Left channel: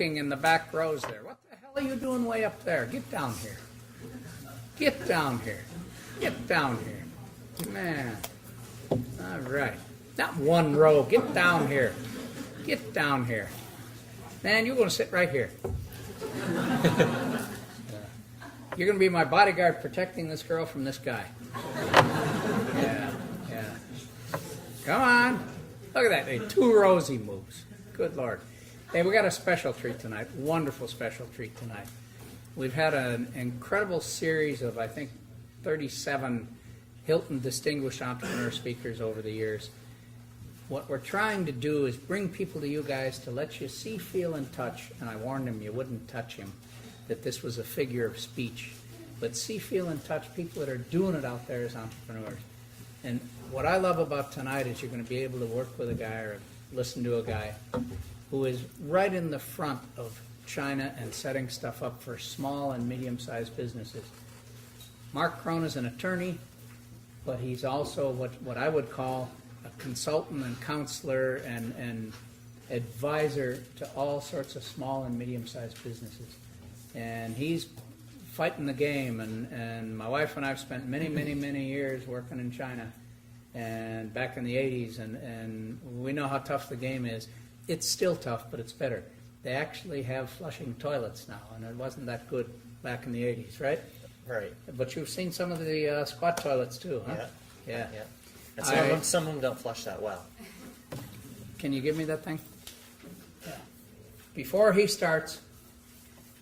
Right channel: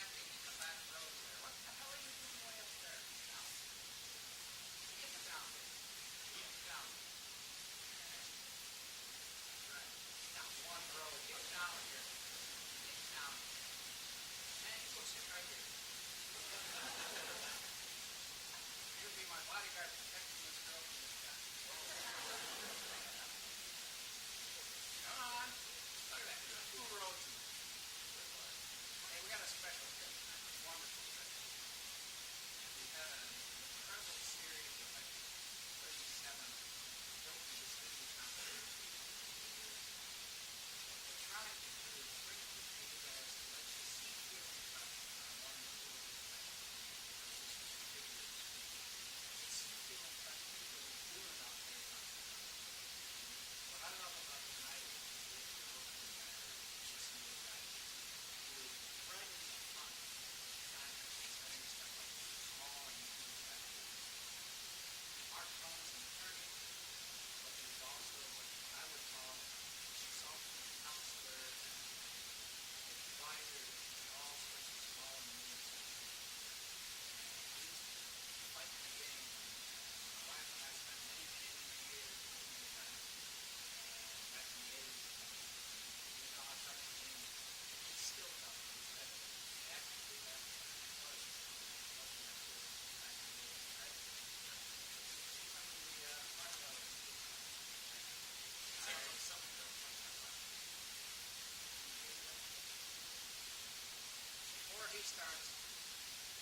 In the back rows there. What the hell are you doing way up there? Get down here. Get down here. Get down here. Man. All right. Not one row. Get down here. Get down here. Man, you're going to sit right here. You're going to be my bodyguard protecting this girl from this guy. Yeah, yeah. Come on. Look at that. Hey, 2 rows he moves. Good Lord. Hey, we got a special treat tonight, wonderful special treat tonight. We've had an incredible series of, I think, 37 Hilton Distinguished Entrepreneur speakers over the years. What we're trying to do is bring people to you guys to let you see, feel, and touch, and I warned him you wouldn't touch him, that this was a figure of speech. But see, feel, and touch people that are doing it out there as entrepreneurs. And what I love about tonight is you're going to be able to work with a guy or listen to a guy who is right in the front of China and setting stuff up for small and medium-sized businesses. Mark Crone is an attorney, but he's also what I would call a consultant and counselor and advisor to all sorts of small and medium-sized businesses. And he's fighting the game, and my wife and I have spent many, many, many years working in China and back in the 80s, and we know how tough the game is. It's still tough, but it's better. They actually have flushing toilets now, and it wasn't that good back in the 80s, right? Right. But you've seen some of the squat toilets too, huh? Yeah. And some of them don't flush that well. Can you give me that thing? Yeah. Before he starts,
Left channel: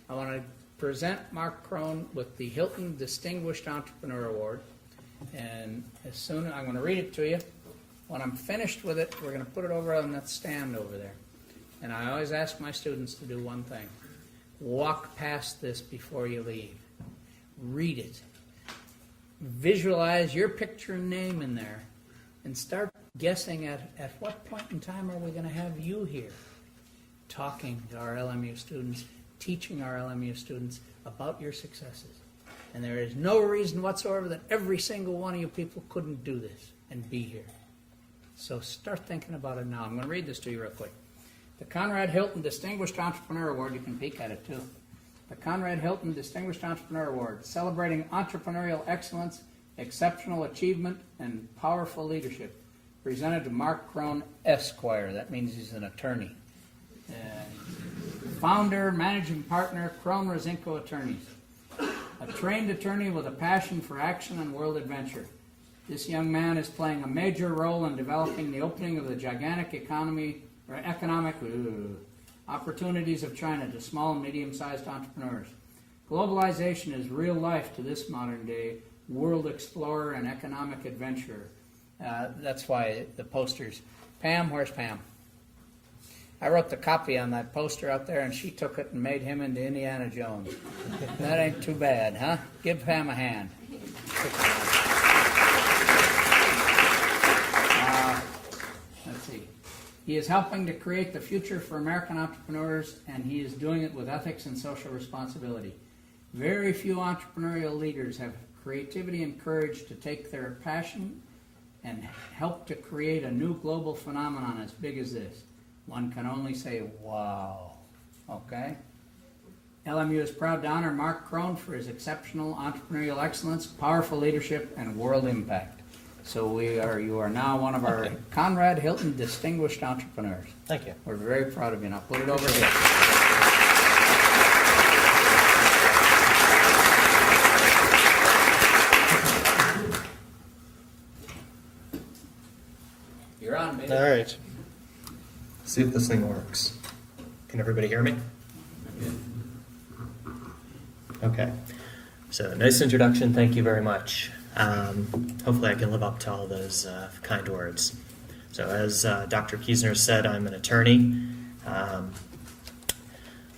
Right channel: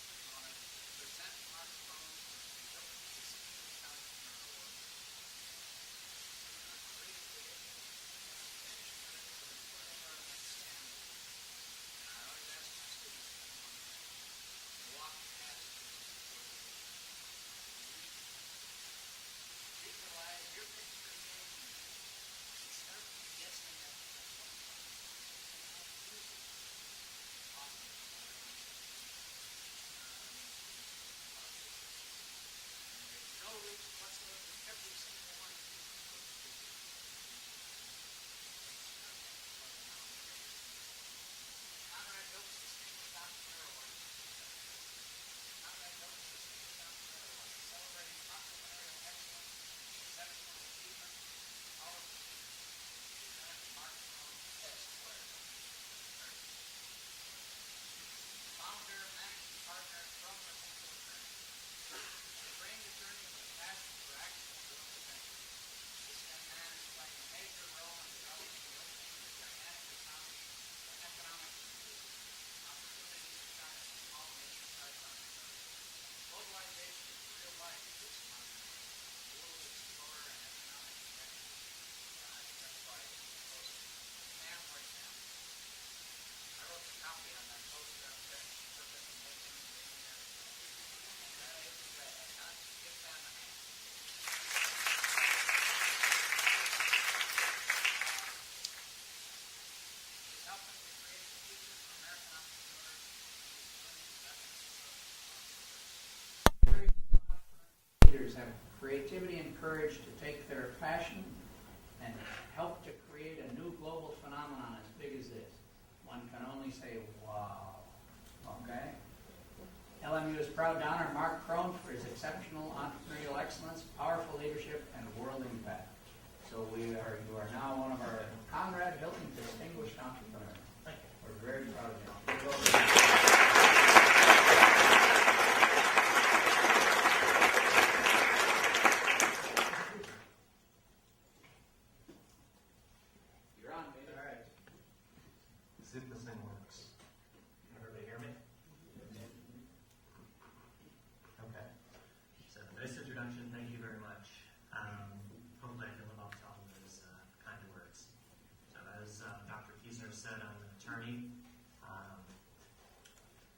I want to present Mark Crone with the Hilton Distinguished Entrepreneur Award. And as soon as I'm going to read it to you, when I'm finished with it, we're going to put it over on that stand over there. And I always ask my students to do one thing. Walk past this before you leave. Read it. Visualize your picture and name in there. And start guessing at what point in time are we going to have you here talking to our LMU students, teaching our LMU students about your successes. And there is no reason whatsoever that every single one of you people couldn't do this and be here. So start thinking about it now. I'm going to read this to you real quick. The Conrad Hilton Distinguished Entrepreneur Award, you can peek at it too. The Conrad Hilton Distinguished Entrepreneur Award, celebrating entrepreneurial excellence, exceptional achievement, and powerful leadership. Presented to Mark Crone, Esquire. That means he's an attorney. Founder, managing partner, Crone Rosinko Attorneys. A trained attorney with a passion for action and world adventure. This young man is playing a major role in developing the opening of the gigantic economic opportunities of China to small and medium-sized entrepreneurs. Globalization is real life to this modern-day world explorer and economic adventurer. That's why the posters. Pam, where's Pam? I wrote the copy on that poster out there, and she took it and made him into Indiana Jones. That ain't too bad, huh? Give Pam a hand. Let's see. He is helping to create the future for American entrepreneurs, and he is doing it with ethics and social responsibility. Very few entrepreneurial leaders have creativity and courage to take their passion and help to create a new global phenomenon as big as this. One can only say, wow. Okay? LMU is proud to honor Mark Crone for his exceptional entrepreneurial excellence, powerful leadership, and world impact. So you are now one of our Conrad Hilton Distinguished Entrepreneurs. Thank you. We're very proud of you. Now put it over here. You're on, baby. All right. See if this thing works. Can everybody hear me? Okay. So nice introduction. Thank you very much. Hopefully I can live up to all those kind words. So as Dr. Kiesner said, I'm an attorney.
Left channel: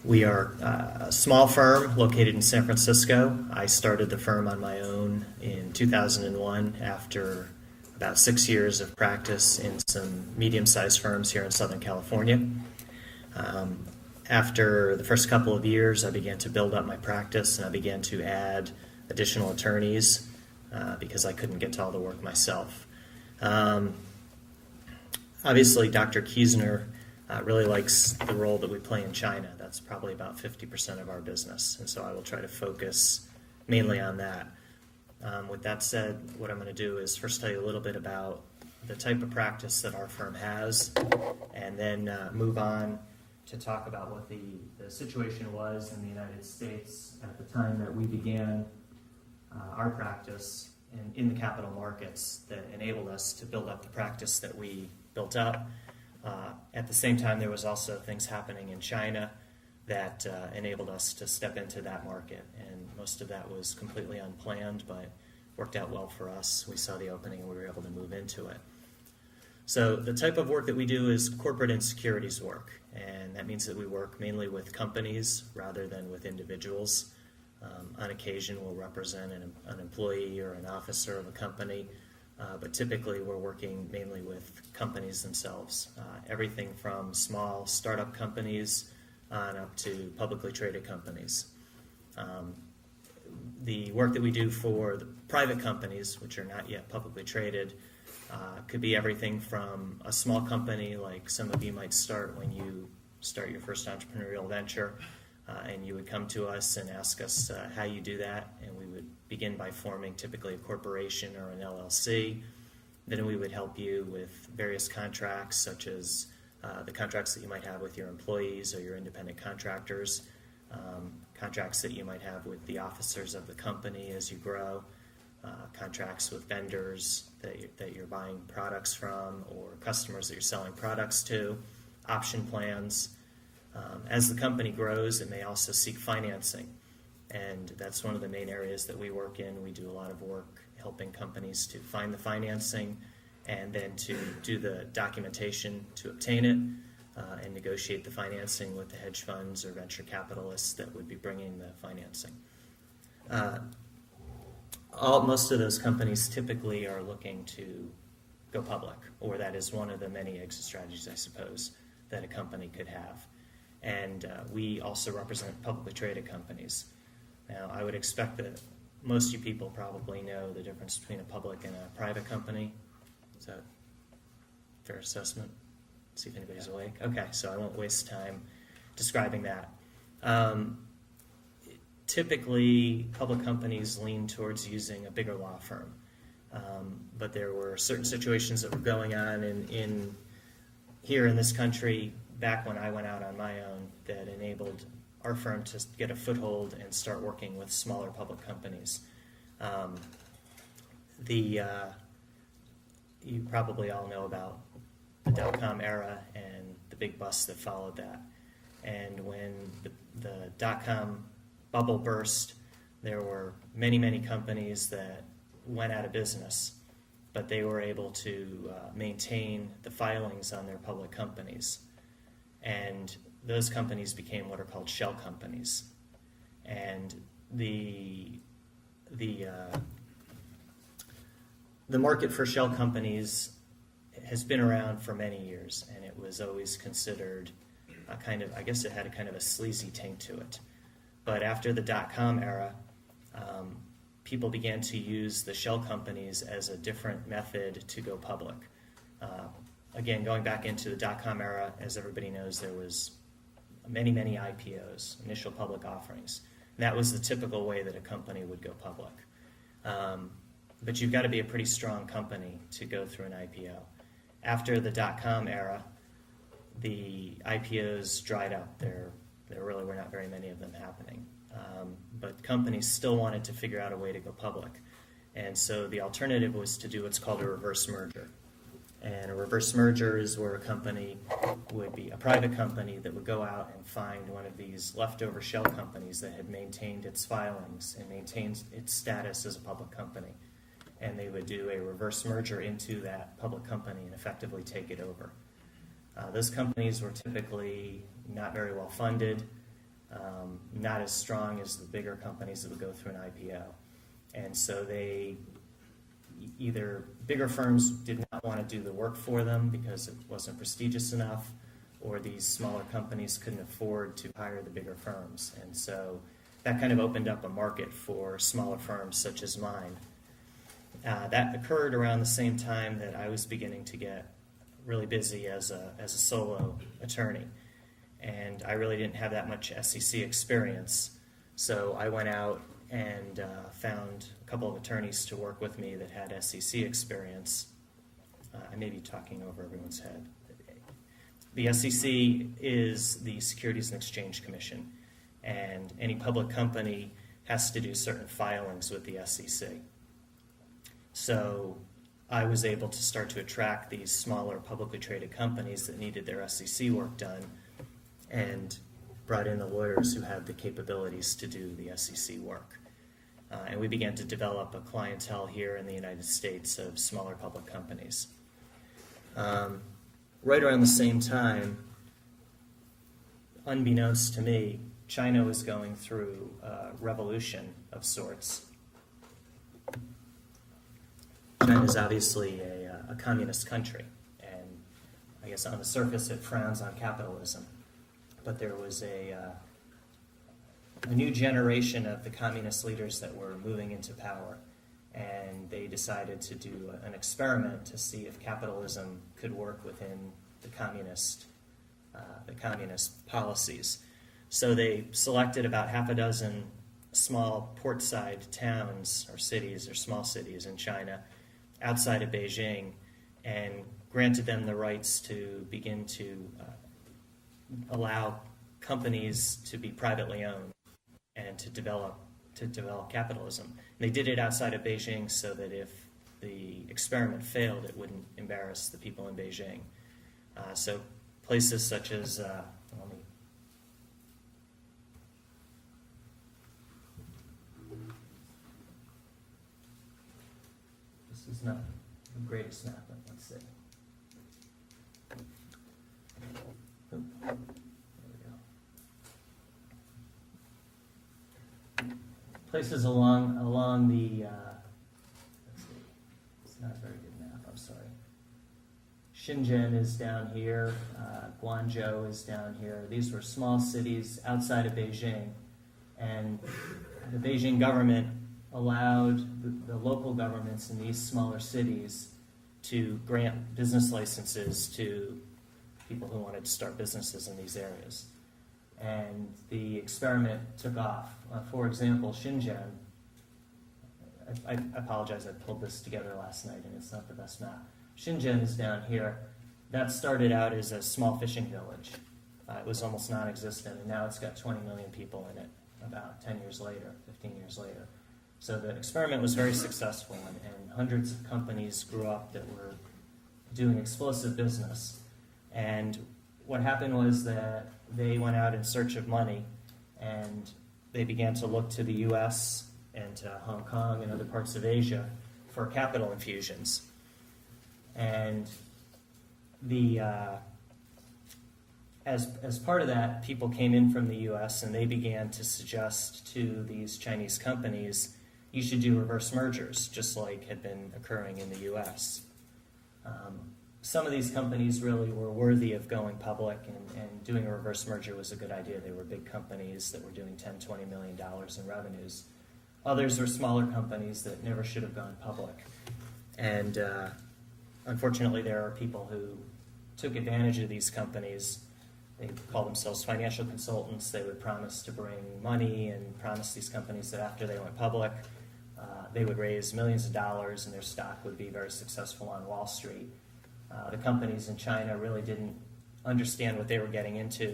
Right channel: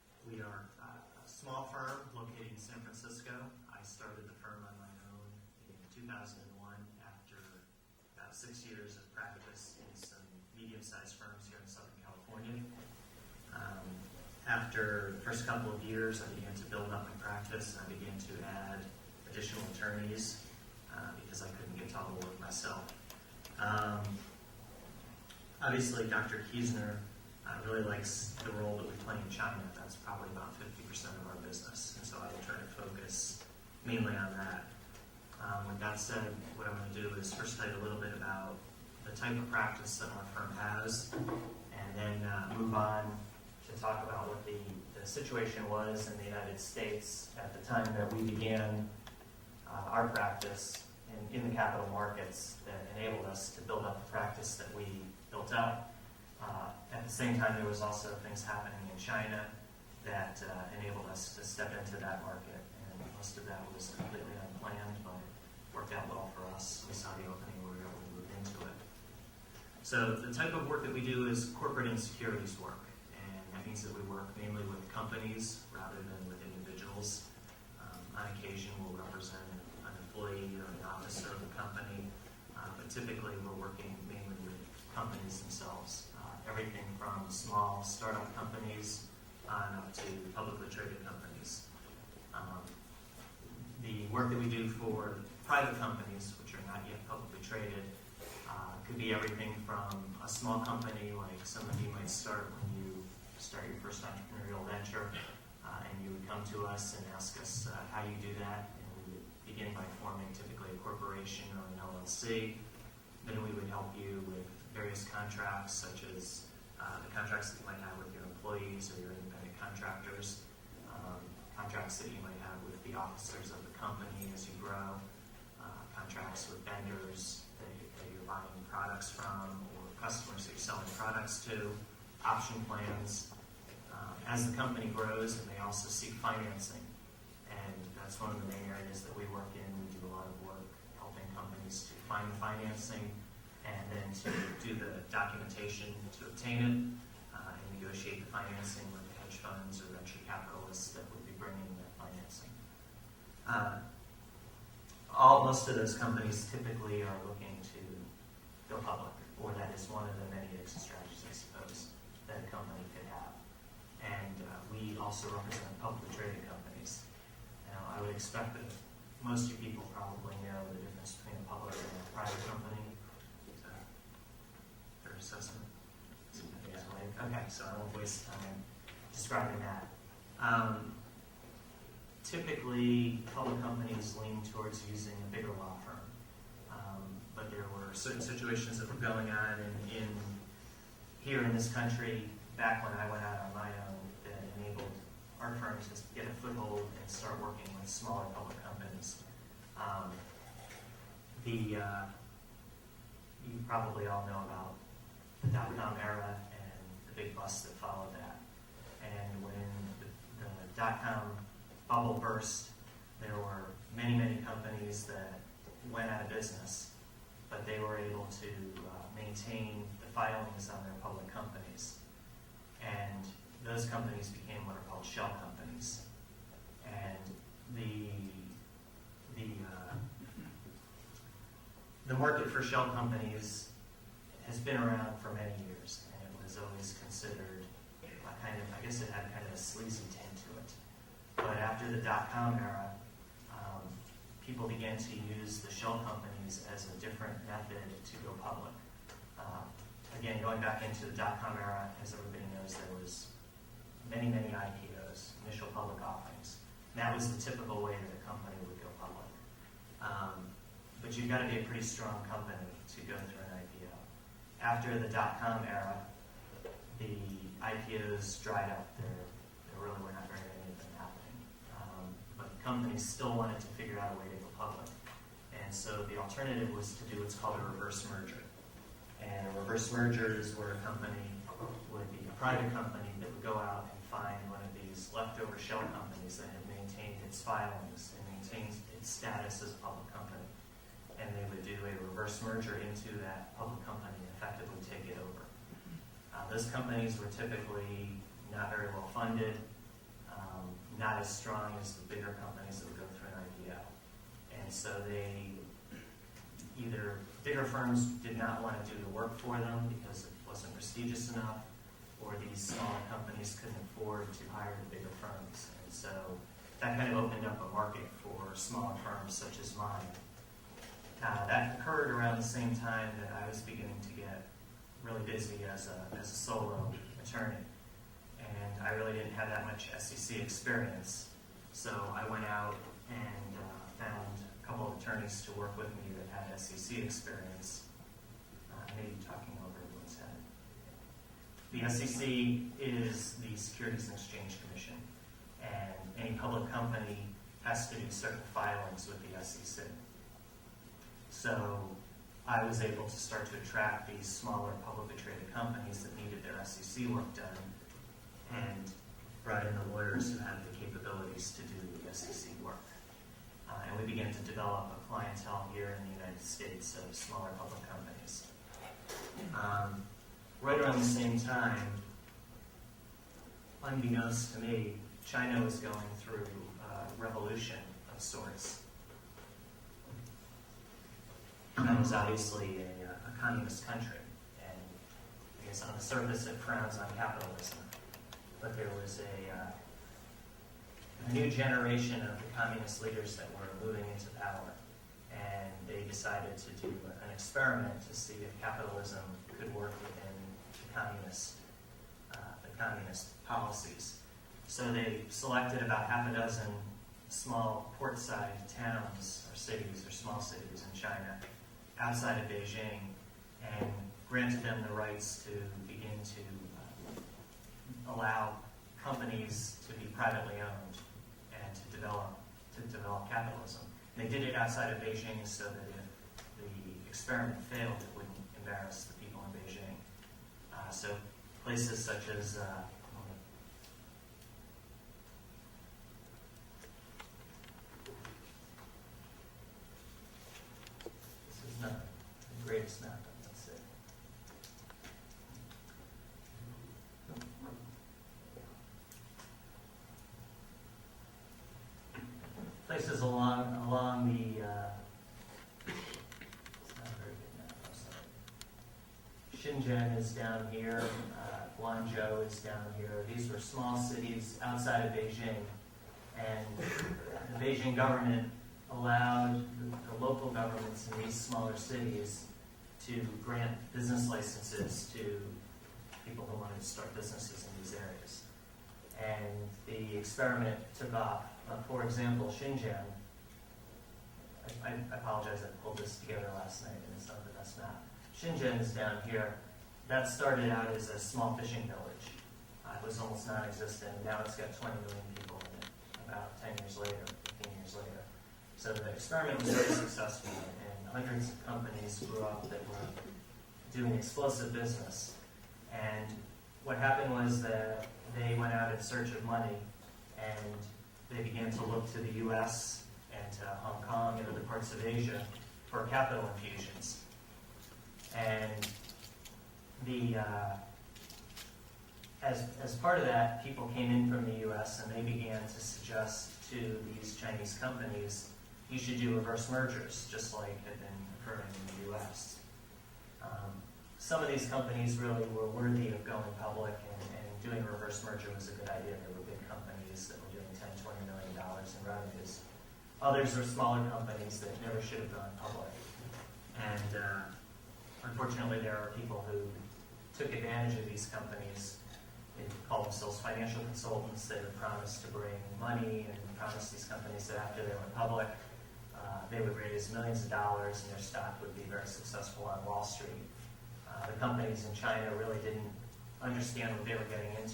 We are a small firm located in San Francisco. I started the firm on my own in 2001 after about 6 years of practice in some medium-sized firms here in Southern California. After the first couple of years, I began to build up my practice, and I began to add additional attorneys because I couldn't get to all the work myself. Obviously, Dr. Kiesner really likes the role that we play in China. That's probably about 50% of our business, and so I will try to focus mainly on that. With that said, what I'm going to do is first tell you a little bit about the type of practice that our firm has, and then move on to talk about what the situation was in the United States at the time that we began our practice in the capital markets that enabled us to build up the practice that we built up. At the same time, there was also things happening in China that enabled us to step into that market, and most of that was completely unplanned, but worked out well for us. We saw the opening, we were able to move into it. So the type of work that we do is corporate and securities work, and that means that we work mainly with companies rather than with individuals. On occasion, we'll represent an employee or an officer of a company, but typically we're working mainly with companies themselves. Everything from small startup companies on up to publicly traded companies. The work that we do for private companies, which are not yet publicly traded, could be everything from a small company like some of you might start when you start your first entrepreneurial venture, and you would come to us and ask us how you do that, and we would begin by forming typically a corporation or an LLC. Then we would help you with various contracts, such as the contracts that you might have with your employees or your independent contractors, contracts that you might have with the officers of the company as you grow, contracts with vendors that you're buying products from, or customers that you're selling products to, option plans. As the company grows, and they also seek financing, and that's one of the main areas that we work in. We do a lot of work helping companies to find the financing and then to do the documentation to obtain it, and negotiate the financing with the hedge funds or venture capitalists that would be bringing the financing. Most of those companies typically are looking to go public, or that is one of the many exit strategies, I suppose, that a company could have. And we also represent publicly traded companies. Now, I would expect that most of you people probably know the difference between a public and a private company. Is that a fair assessment? See if anybody's awake. Okay, so I won't waste time describing that. Typically, public companies lean towards using a bigger law firm. But there were certain situations that were going on here in this country back when I went out on my own that enabled our firm to get a foothold and start working with smaller public companies. You probably all know about the dot-com era and the big bust that followed that. And when the dot-com bubble burst, there were many, many companies that went out of business, but they were able to maintain the filings on their public companies. And those companies became what are called shell companies. And the market for shell companies has been around for many years, and it was always considered I guess it had a kind of a sleazy taint to it. But after the dot-com era, people began to use the shell companies as a different method to go public. Again, going back into the dot-com era, as everybody knows, there was many, many IPOs, initial public offerings. And that was the typical way that a company would go public. But you've got to be a pretty strong company to go through an IPO. After the dot-com era, the IPOs dried up. There really were not very many of them happening. But companies still wanted to figure out a way to go public. And so the alternative was to do what's called a reverse merger. And a reverse merger is where a company would be a private company that would go out and find one of these leftover shell companies that had maintained its filings and maintained its status as a public company. And they would do a reverse merger into that public company and effectively take it over. Those companies were typically not very well funded, not as strong as the bigger companies that would go through an IPO. And so either bigger firms did not want to do the work for them because it wasn't prestigious enough, or these smaller companies couldn't afford to hire the bigger firms. And so that kind of opened up a market for smaller firms such as mine. That occurred around the same time that I was beginning to get really busy as a solo attorney, and I really didn't have that much SEC experience. So I went out and found a couple of attorneys to work with me that had SEC experience. I may be talking over everyone's head. The SEC is the Securities and Exchange Commission, and any public company has to do certain filings with the SEC. So I was able to start to attract these smaller publicly traded companies that needed their SEC work done, and brought in the lawyers who had the capabilities to do the SEC work. And we began to develop a clientele here in the United States of smaller public companies. Right around the same time, unbeknownst to me, China was going through a revolution of sorts. China is obviously a communist country, and I guess on the surface it frowns on capitalism. But there was a new generation of the communist leaders that were moving into power, and they decided to do an experiment to see if capitalism could work within the communist policies. So they selected about half a dozen small portside towns or cities or small cities in China outside of Beijing, and granted them the rights to begin to allow companies to be privately owned and to develop capitalism. They did it outside of Beijing so that if the experiment failed, it wouldn't embarrass the people in Beijing. So places such as this is not the greatest. Places along the Shenzhen is down here, Guangzhou is down here. These were small cities outside of Beijing, and the Beijing government allowed the local governments in these smaller cities to grant business licenses to people who wanted to start businesses in these areas. And the experiment took off. For example, Shenzhen. I apologize, I pulled this together last night, and it's not the best map. Shenzhen is down here. That started out as a small fishing village. It was almost non-existent, and now it's got 20 million people in it, about 10 years later, 15 years later. So the experiment was very successful, and hundreds of companies grew up that were doing explosive business. And what happened was that they went out in search of money, and they began to look to the U.S. and to Hong Kong and other parts of Asia for capital infusions. And as part of that, people came in from the U.S. and they began to suggest to these Chinese companies, you should do reverse mergers, just like had been occurring in the U.S. Some of these companies really were worthy of going public, and doing a reverse merger was a good idea. They were big companies that were doing $10, $20 million in revenues. Others are smaller companies that never should have gone public. And unfortunately, there are people who took advantage of these companies. They call themselves financial consultants. They would promise to bring money and promise these companies that after they were public, they would raise millions of dollars and their stock would be very successful on Wall Street. The companies in China really didn't understand what they were getting into.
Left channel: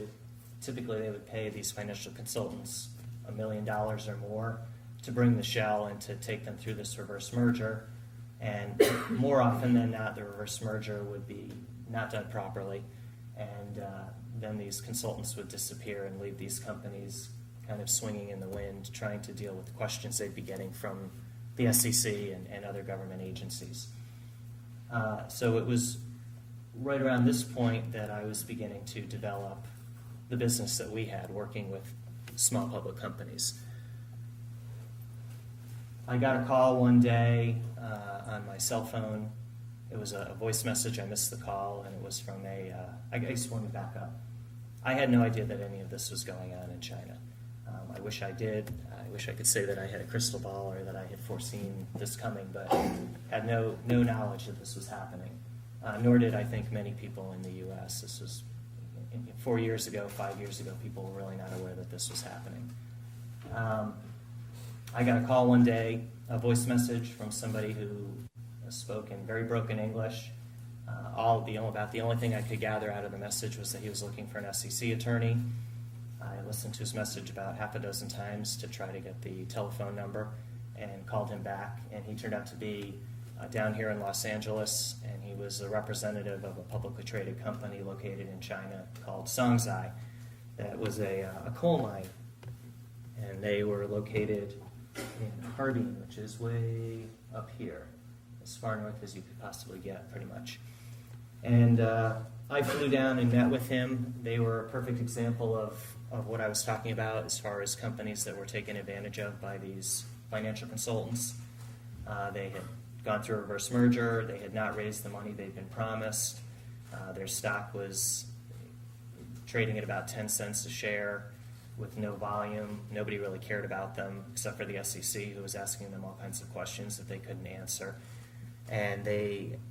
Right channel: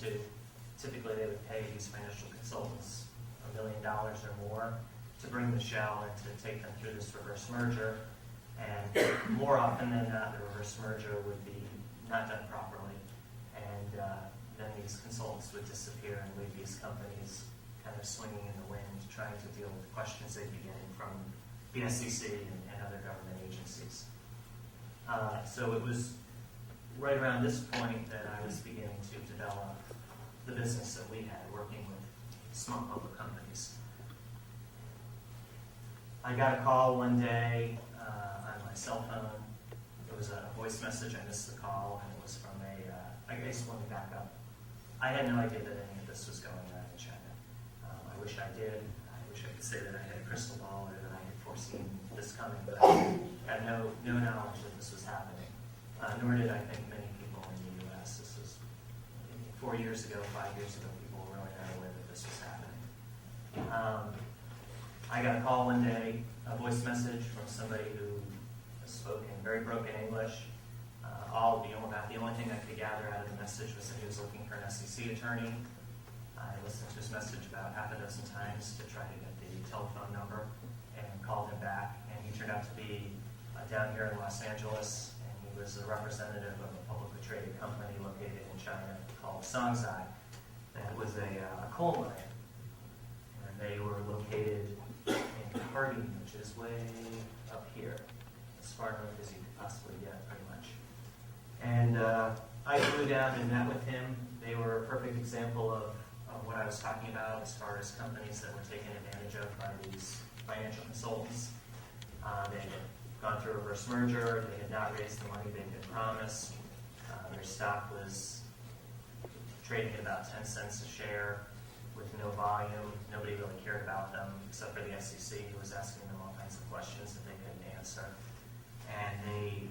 Typically, they would pay these financial consultants $1 million or more to bring the show and to take them through this reverse merger. And more often than not, the reverse merger would be not done properly. And then these consultants would disappear and leave these companies kind of swinging in the wind, trying to deal with questions they'd be getting from the SEC and other government agencies. So it was right around this point that I was beginning to develop the business that we had, working with small public companies. I got a call one day on my cell phone. It was a voice message. I missed the call, and it was from I guess one back up. I had no idea that any of this was going on in China. I wish I did. I wish I could say that I had a crystal ball or that I had foreseen this coming, but had no knowledge that this was happening. nor did I think many people in the U.S. This was 4 years ago, 5 years ago, people were really not aware that this was happening. I got a call one day, a voice message from somebody who spoke in very broken English. The only thing I could gather out of the message was that he was looking for an SEC attorney. I listened to his message about half a dozen times to try to get the telephone number and called him back. And he turned out to be down here in Los Angeles, and he was a representative of a publicly traded company located in China called Songzai that was a coal mine. And they were located in Harbor, which is way up here, as far north as you could possibly get, pretty much. And I flew down and met with him. They were a perfect example of what I was talking about as far as companies that were taken advantage of by these financial consultants. They had gone through a reverse merger. They had not raised the money they'd been promised. Their stock was trading at about 10 cents a share with no volume. Nobody really cared about them except for the SEC, who was asking them all kinds of questions that they couldn't answer. And they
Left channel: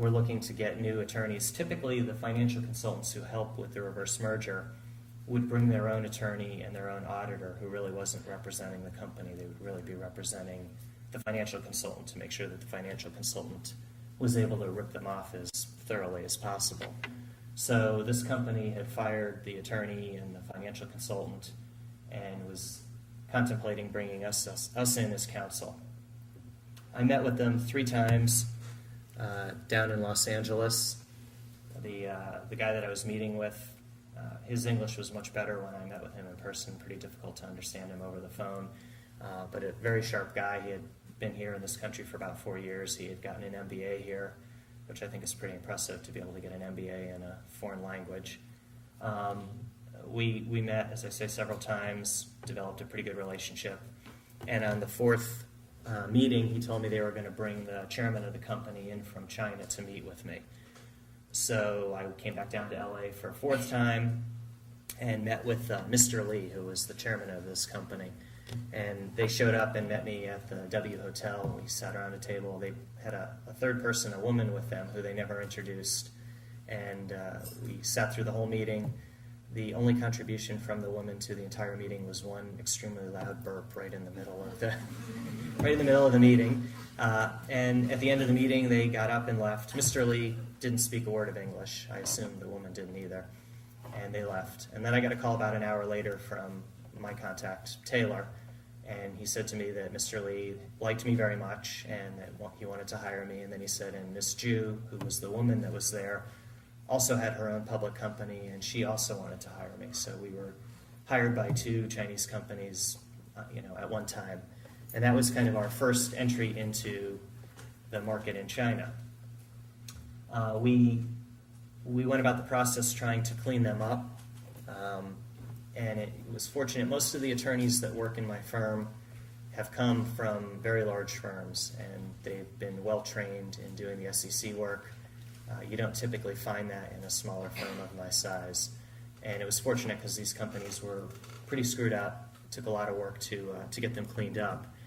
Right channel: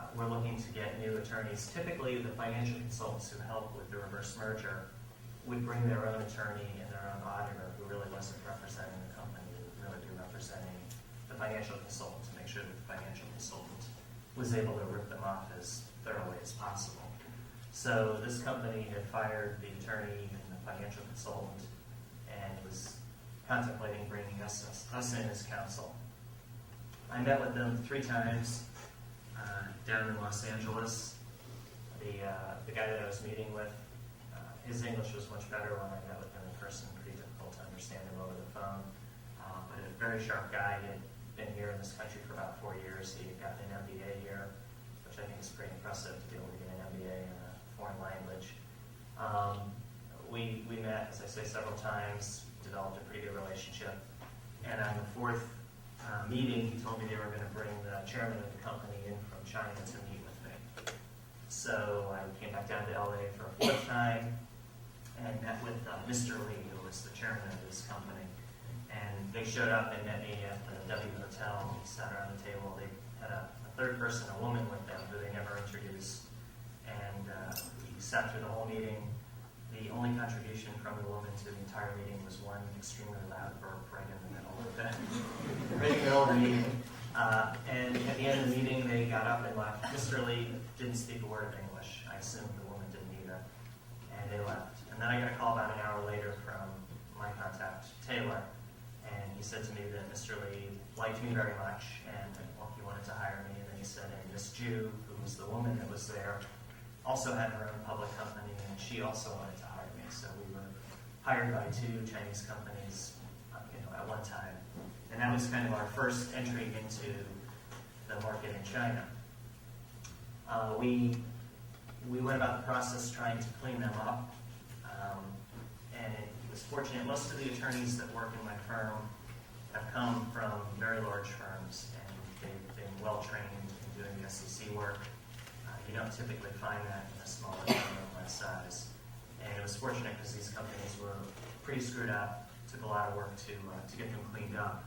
were looking to get new attorneys. Typically, the financial consultants who helped with the reverse merger would bring their own attorney and their own auditor who really wasn't representing the company. They would really be representing the financial consultant to make sure that the financial consultant was able to rip them off as thoroughly as possible. So this company had fired the attorney and the financial consultant and was contemplating bringing us in as counsel. I met with them 3 times down in Los Angeles. The guy that I was meeting with, his English was much better when I met with him in person. Pretty difficult to understand him over the phone, but a very sharp guy. He had been here in this country for about 4 years. He had gotten an MBA here, which I think is pretty impressive to be able to get an MBA in a foreign language. We met, as I say, several times, developed a pretty good relationship, and on the 4th meeting, he told me they were going to bring the chairman of the company in from China to meet with me. So I came back down to LA for a 4th time and met with Mr. Lee, who was the chairman of this company. And they showed up and met me at the W Hotel. We sat around the table. They had a 3rd person, a woman with them, who they never introduced. And we sat through the whole meeting. The only contribution from the woman to the entire meeting was one extremely loud burp right in the middle of the meeting. And at the end of the meeting, they got up and left. Mr. Lee didn't speak a word of English. I assume the woman didn't either. And they left. And then I got a call about an hour later from my contact, Taylor. And he said to me that Mr. Lee liked me very much and he wanted to hire me. And then he said, and Miss Ju, who was the woman that was there, also had her own public company, and she also wanted to hire me. So we were hired by 2 Chinese companies, at one time. And that was kind of our first entry into the market in China. We went about the process trying to clean them up, and it was fortunate. Most of the attorneys that work in my firm have come from very large firms, and they've been well trained in doing the SEC work. You don't typically find that in a smaller firm of my size. And it was fortunate because these companies were pretty screwed up. Took a lot of work to get them cleaned up.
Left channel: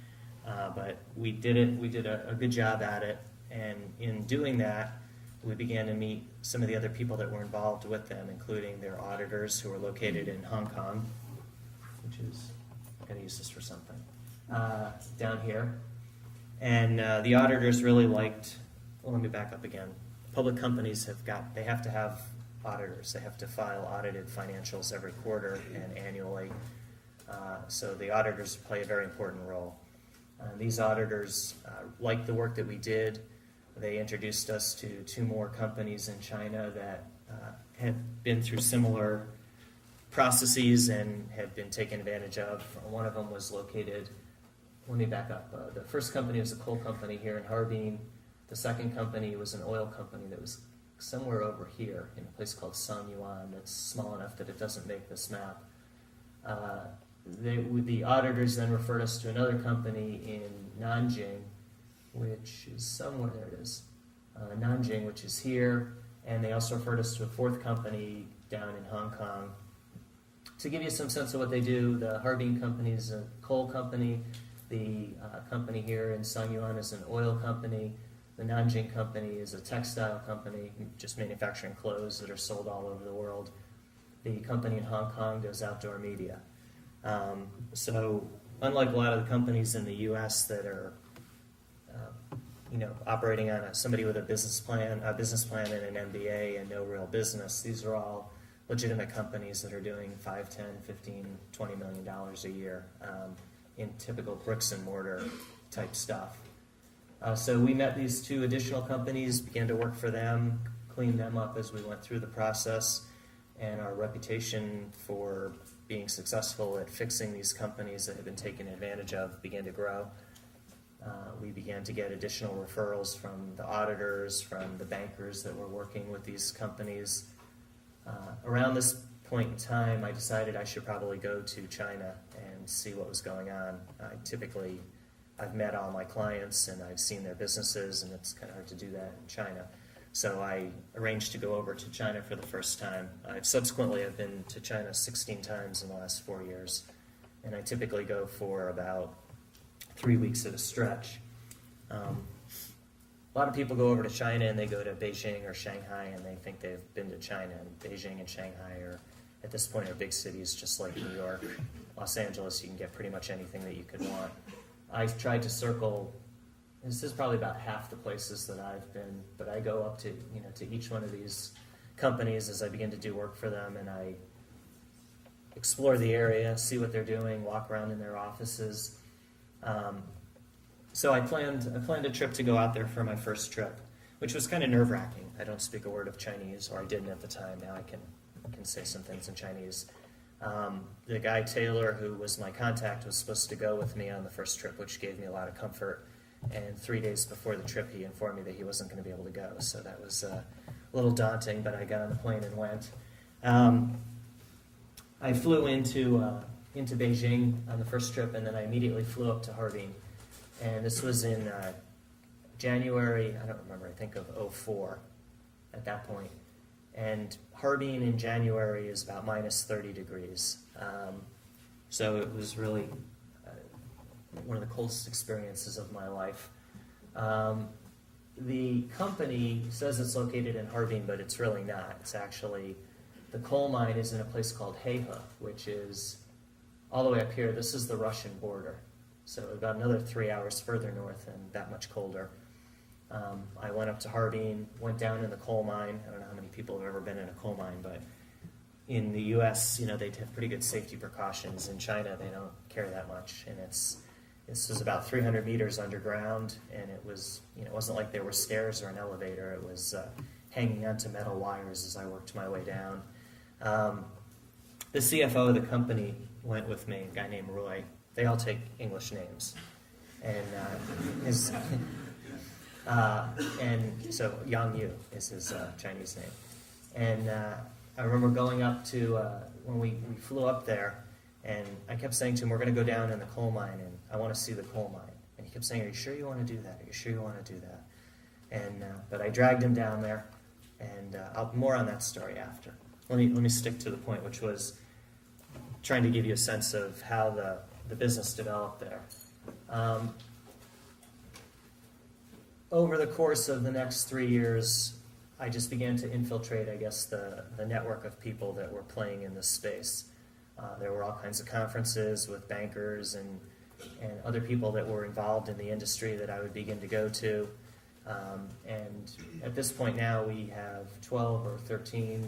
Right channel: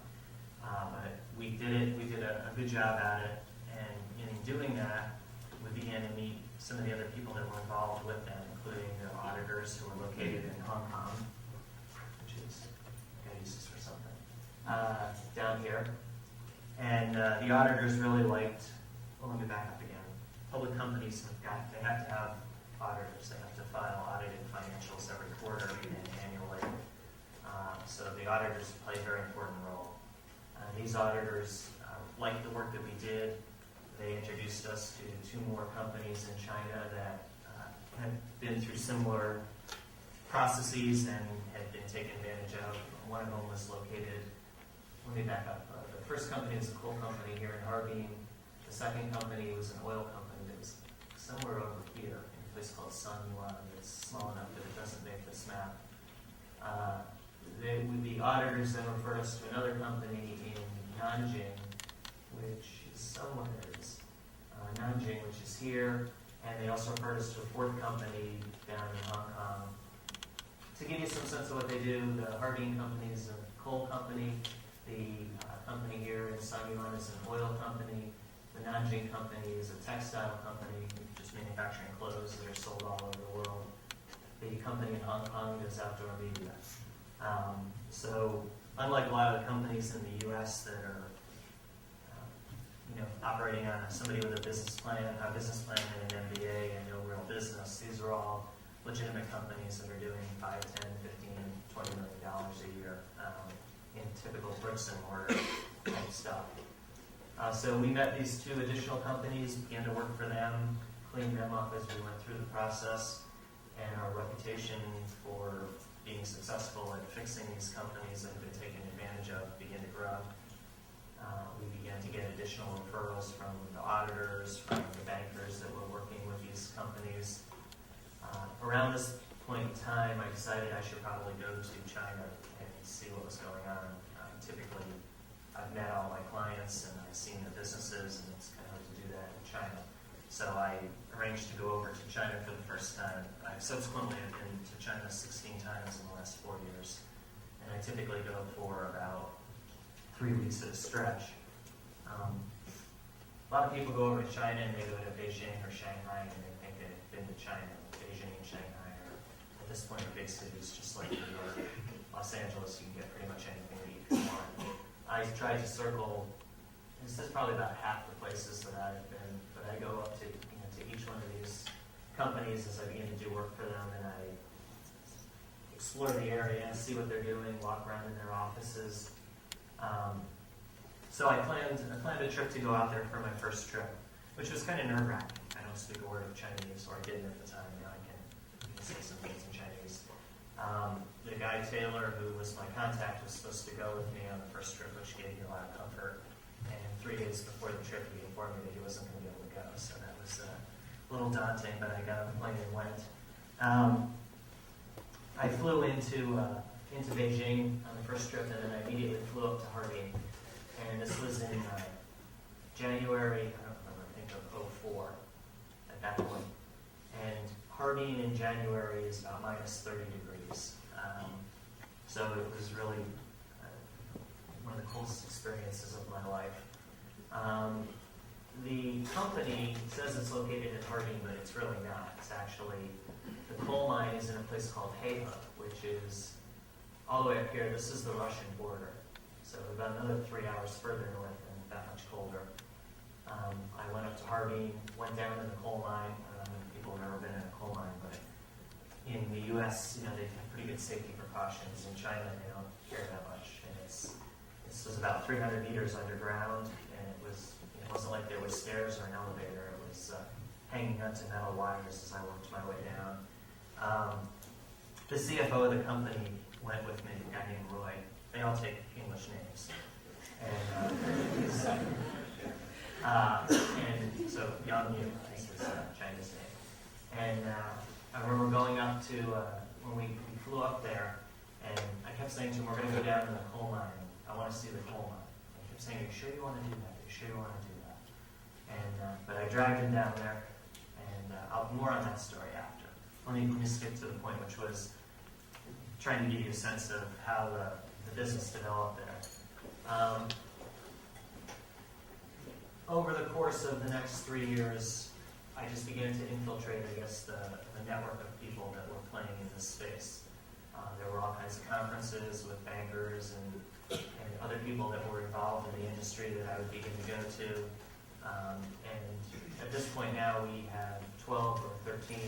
But we did it. We did a good job at it. And in doing that, we began to meet some of the other people that were involved with them, including their auditors who were located in Hong Kong, which is, I'm going to use this for something, down here. And the auditors really liked, well, let me back up again. Public companies have to have auditors. They have to file audited financials every quarter and annually. So the auditors play a very important role. These auditors liked the work that we did. They introduced us to 2 more companies in China that had been through similar processes and had been taken advantage of. One of them was located, let me back up. The first company was a coal company here in Harbin. The second company was an oil company that was somewhere over here in a place called Sanyuan that's small enough that it doesn't make this map. The auditors then referred us to another company in Nanjing, which is somewhere where it is. Nanjing, which is here, and they also referred us to a 4th company down in Hong Kong. To give you some sense of what they do, the Harbin company is a coal company. The company here in Sanyuan is an oil company. The Nanjing company is a textile company, just manufacturing clothes that are sold all over the world. The company in Hong Kong does outdoor media. So unlike a lot of the companies in the U.S. that are, operating on somebody with a business plan and an MBA and no real business, these are all legitimate companies that are doing $5, $10, $15, $20 million a year in typical bricks and mortar type stuff. So we met these two additional companies, began to work for them, cleaned them up as we went through the process, and our reputation for being successful at fixing these companies that have been taken advantage of began to grow. We began to get additional referrals from the auditors, from the bankers that were working with these companies. Around this point in time, I decided I should probably go to China and see what was going on. I've met all my clients and I've seen their businesses, and it's kind of hard to do that in China. So I arranged to go over to China for the first time. I've subsequently been to China 16 times in the last 4 years, and I typically go for about 3 weeks at a stretch. A lot of people go over to China and they go to Beijing or Shanghai and they think they've been to China. Beijing and Shanghai are, at this point, are big cities just like New York. Los Angeles, you can get pretty much anything that you could want. I tried to circle, this is probably about half the places that I've been, but I go up to each one of these companies as I begin to do work for them, and I explore the area, see what they're doing, walk around in their offices. So I planned a trip to go out there for my first trip, which was kind of nerve-wracking. I don't speak a word of Chinese, or I didn't at the time. Now I can say some things in Chinese. The guy, Taylor, who was my contact, was supposed to go with me on the first trip, which gave me a lot of comfort. And 3 days before the trip, he informed me that he wasn't going to be able to go. So that was a little daunting, but I got on a plane and went. I flew into Beijing on the first trip, and then I immediately flew up to Harbin. And this was in January, I don't remember, I think of 2004 at that point. And Harbin in January is about minus 30 degrees. So it was really one of the coolest experiences of my life. The company says it's located in Harbin, but it's really not. It's actually, the coal mine is in a place called Haifa, which is all the way up here. This is the Russian border. So about another 3 hours further north and that much colder. I went up to Harbin, went down in the coal mine. I don't know how many people have ever been in a coal mine, but in the U.S., they take pretty good safety precautions. In China, they don't care that much. And this was about 300 meters underground, and it wasn't like there were stairs or an elevator. It was hanging onto metal wires as I worked my way down. The CFO of the company went with me, a guy named Roy. They all take English names. And so Yang Yu is his Chinese name. And I remember going up to, when we flew up there, and I kept saying to him, we're going to go down to the coal mine. I want to see the coal mine. And he kept saying, are you sure you want to do that? Are you sure you want to do that? And but I dragged him down there, and more on that story after. Let me stick to the point, which was trying to give you a sense of how the business developed there. Over the course of the next 3 years, I just began to infiltrate, I guess, the network of people that were playing in this space. There were all kinds of conferences with bankers and other people that were involved in the industry that I would begin to go to. And at this point now, we have 12 or 13